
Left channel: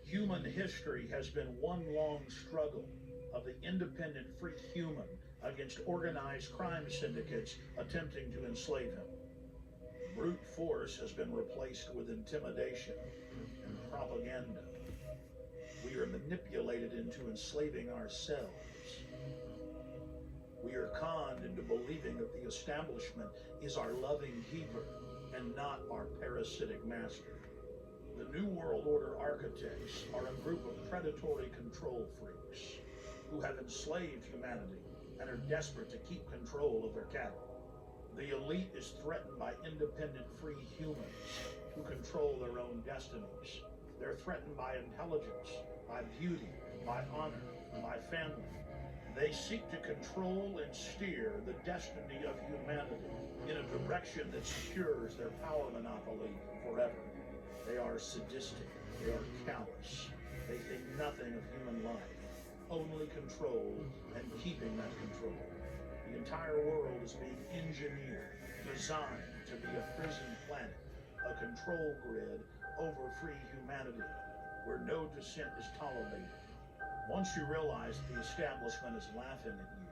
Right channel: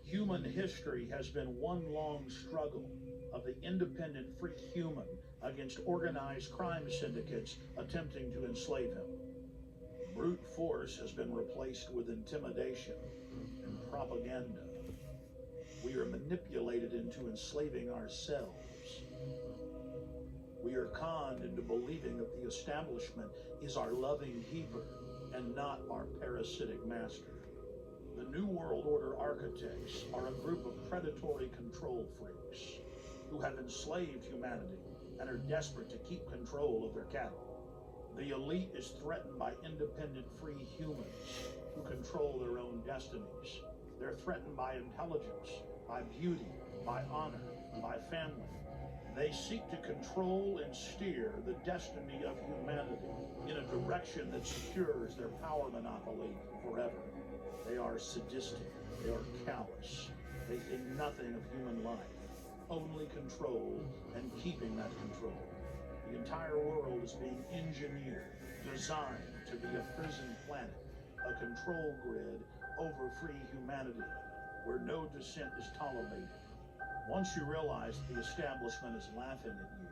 Human history has been one long struggle of the independent free human against organized crime syndicates attempting to enslave him. Brute force has been replaced with intimidation and propaganda. We are manipulated into enslaving ourselves. We are conned into believing that the establishment is our loving keeper and not our parasitic master. The New World Order architects are a group of predatory control freaks who have enslaved humanity and are desperate to keep control of their cattle. The elite is threatened by independent free humans who control their own destinies. They're threatened by intelligence, by beauty, by honor, by family. They seek to control and steer the destiny of humanity in a direction that secures their power monopoly forever. They are sadistic, they are callous, they think nothing of human life, only control and keeping that control. The entire world is being engineered, designed to be a prison planet, a control grid over free humanity, where no dissent is tolerated. Once you realize that the establishment is laughing at you,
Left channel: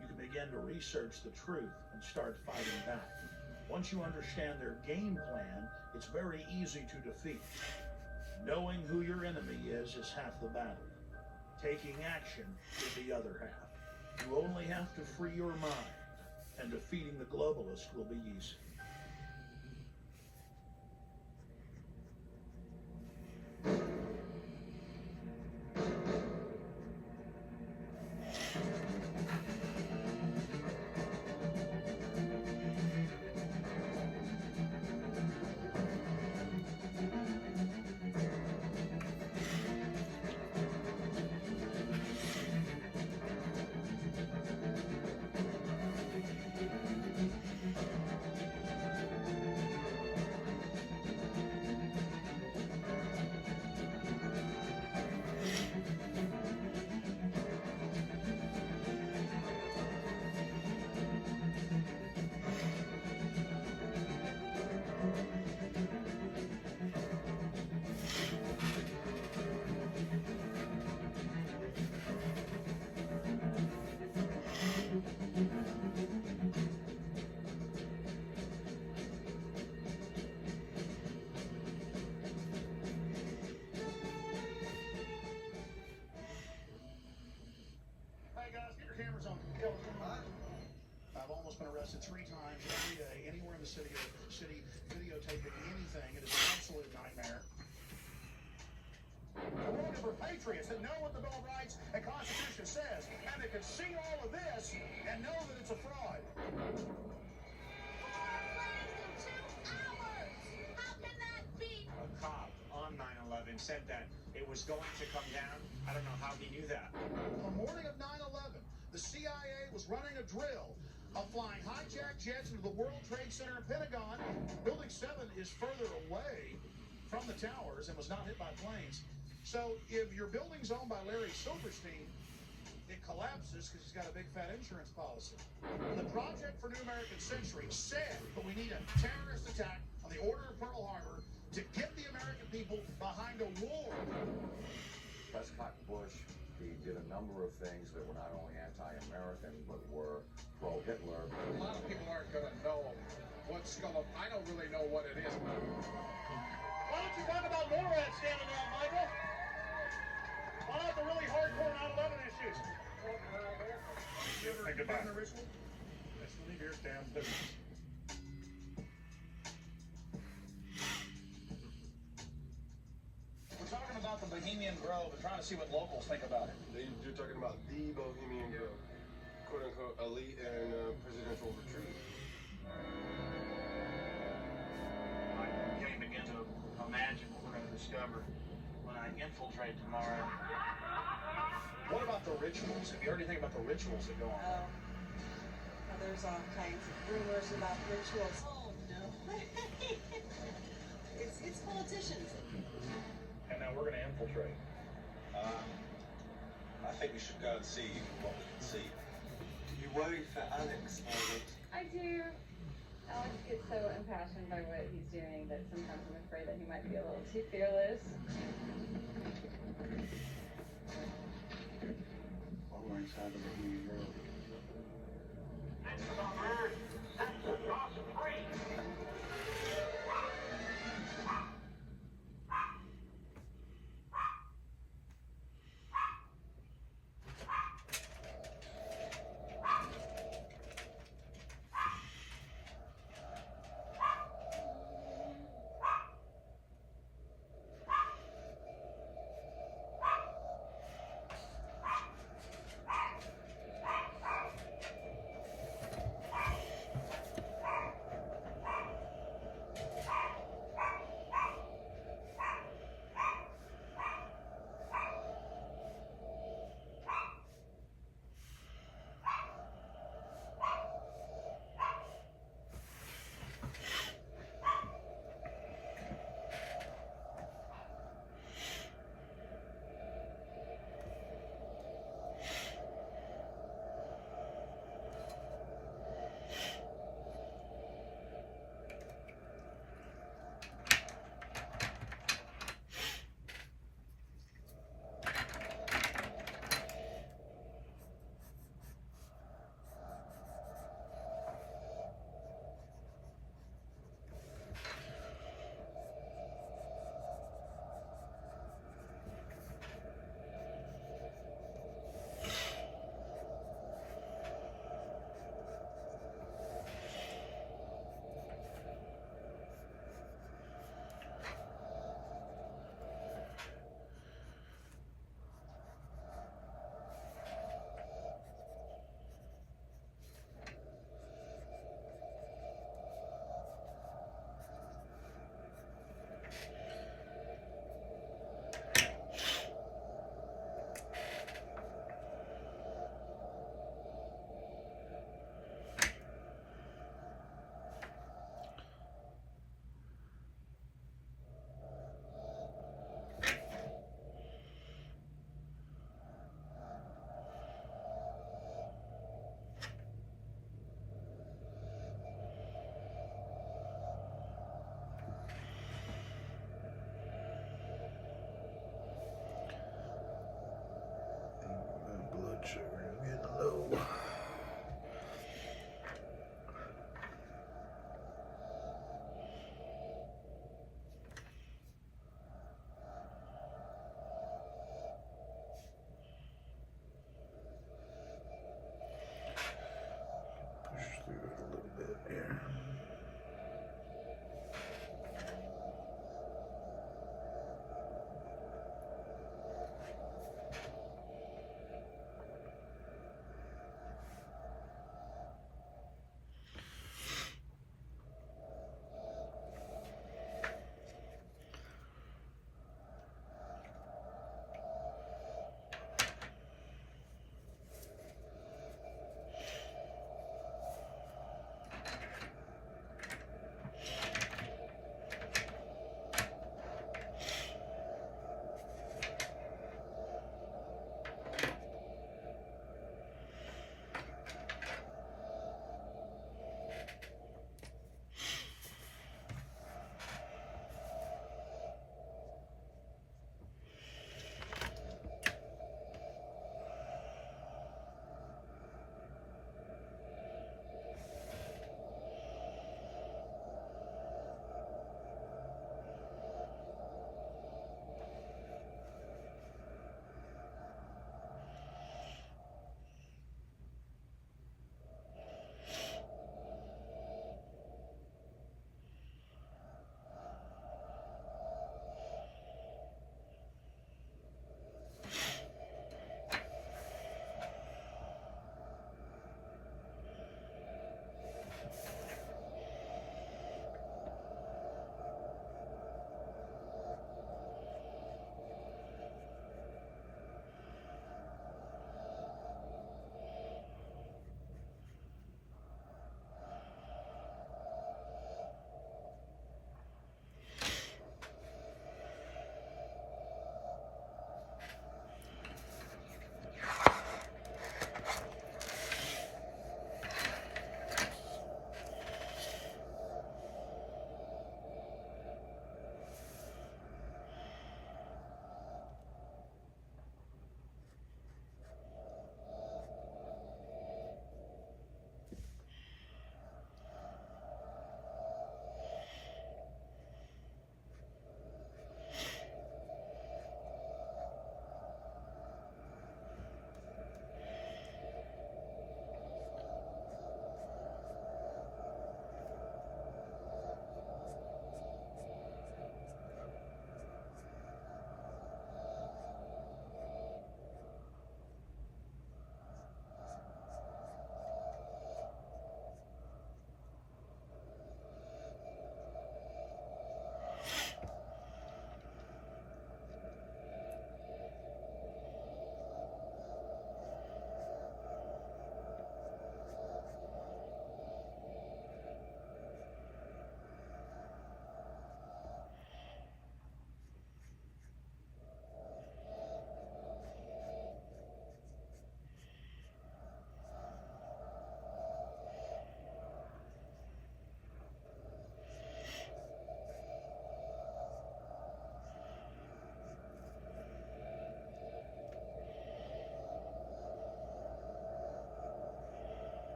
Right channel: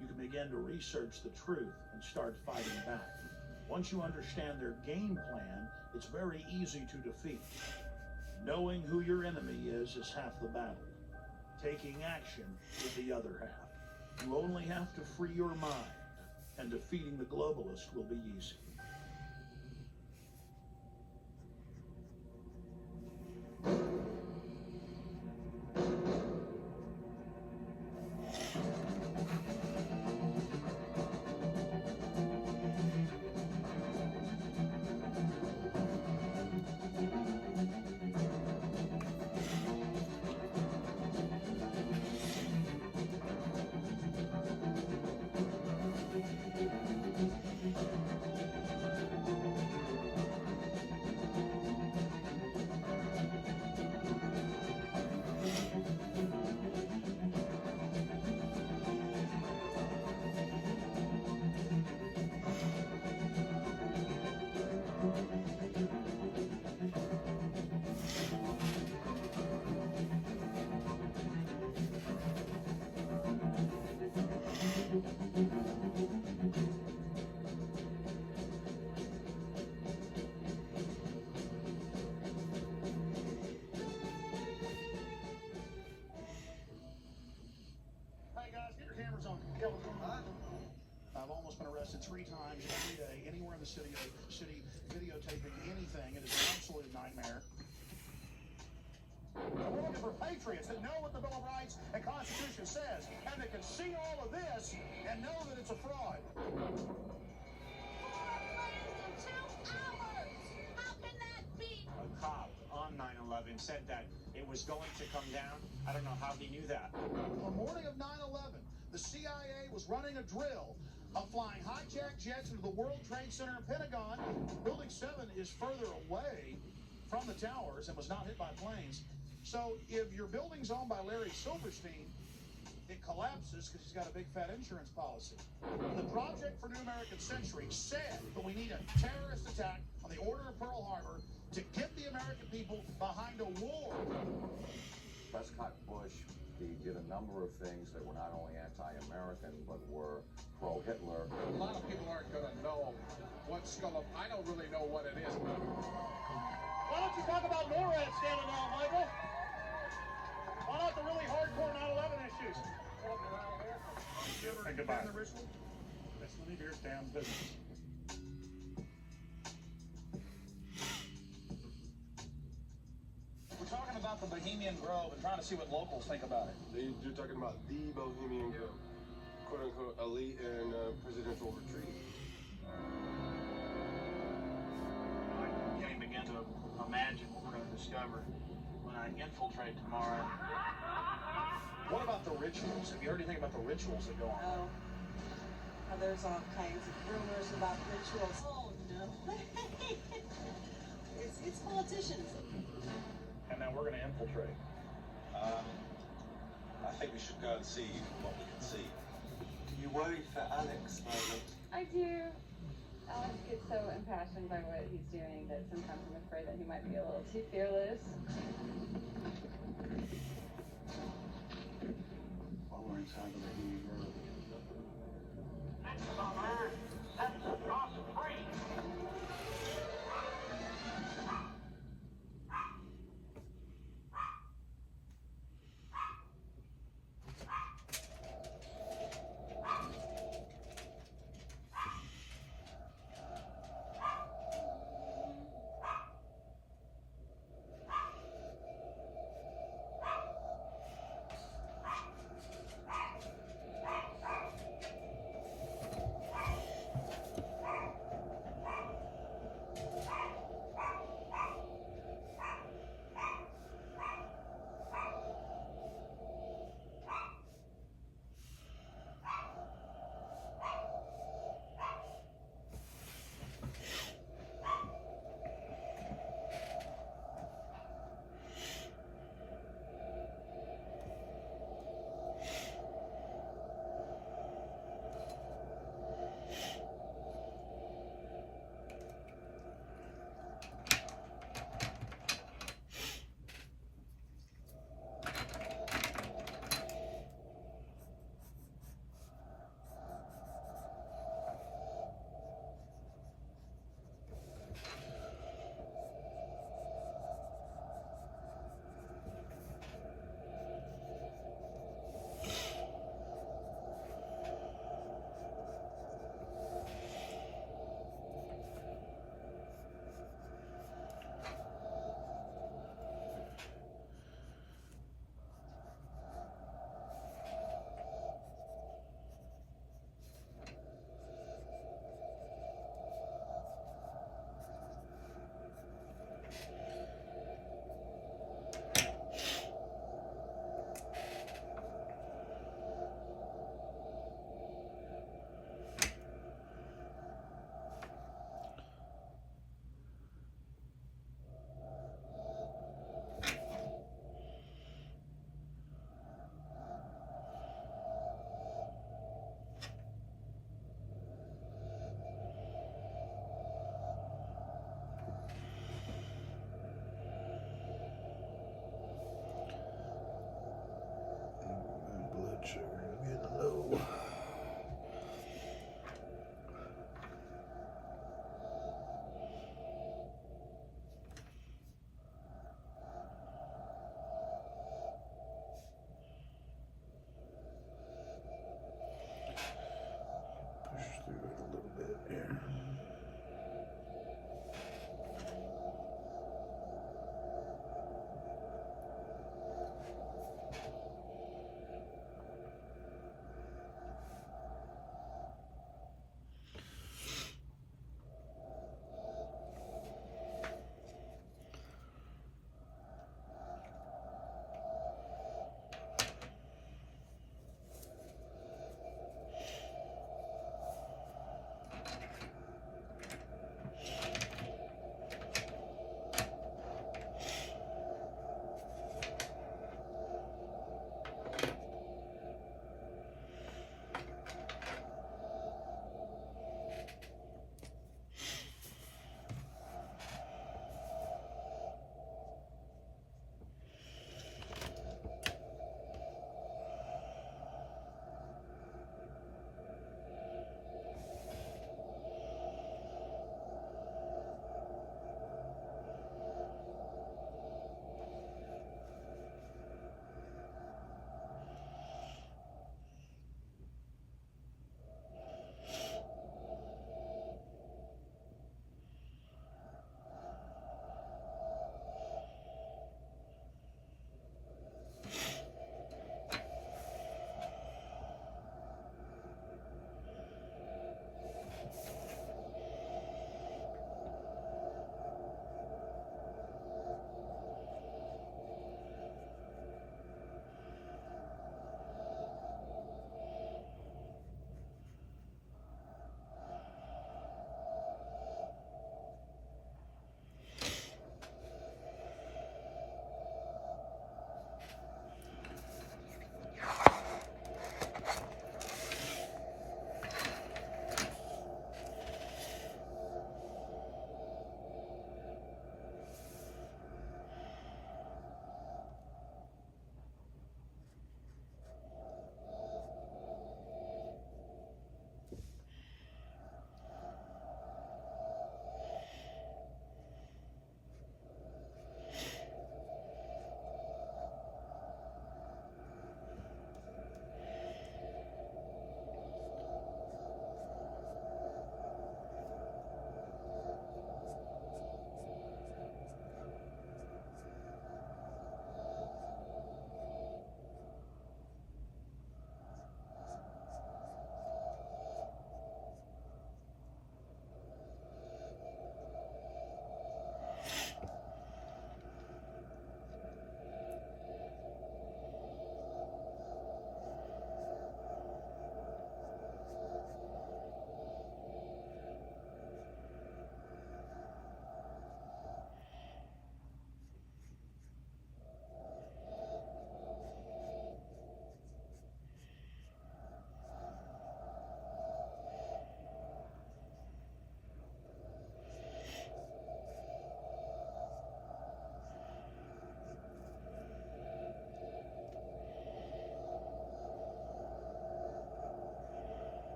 you can begin to research the truth and start fighting back. Once you understand their game plan, it's very easy to defeat. Knowing who your enemy is half the battle. Taking action is the other half. You only have to free your mind, and defeating the globalist will be easy. I've almost been arrested 3 times every day, anywhere in the city, videotaping anything. It is an absolute nightmare. We're looking for patriots that know what the Bill of Rights and Constitution says, and that can see all of this and know that it's a fraud. A cop on 9/11 said that it was going to come down. I don't know how he knew that. On the morning of 9/11, the CIA was running a drill of flying hijacked jets into the World Trade Center and Pentagon. Building 7 is further away from the towers and was not hit by planes. So if your building's owned by Larry Silverstein, it collapses because he's got a big fat insurance policy. The Project for New American Century said that we need a terrorist attack on the order of Pearl Harbor to get the American people behind a war. Prescott Bush, he did a number of things that were not only anti-American, but were pro-Hitler. A lot of people aren't going to know what's going to... I don't really know what it is. Why don't you talk about NORAD standing now, Michael? Why not the really hardcore 9/11 issues? You ever been in a ritual? That's really your damn business. We're talking about the Bohemian Grove and trying to see what locals think about it. You're talking about the Bohemian Grove, quote-unquote elite and presidential retreat. I can't begin to imagine what I discover when I infiltrate tomorrow. What about the rituals? Have you heard anything about the rituals that go on? Oh, there's all kinds of rumors about rituals. Oh no, it's politicians. And now we're going to infiltrate. I think we should go and see what we can see. Do you worry for Alex, Margaret? I do. Alex gets so impassioned by what he's doing that sometimes I'm afraid that he might be a little too fearless. While we're inside the Bohemian Grove,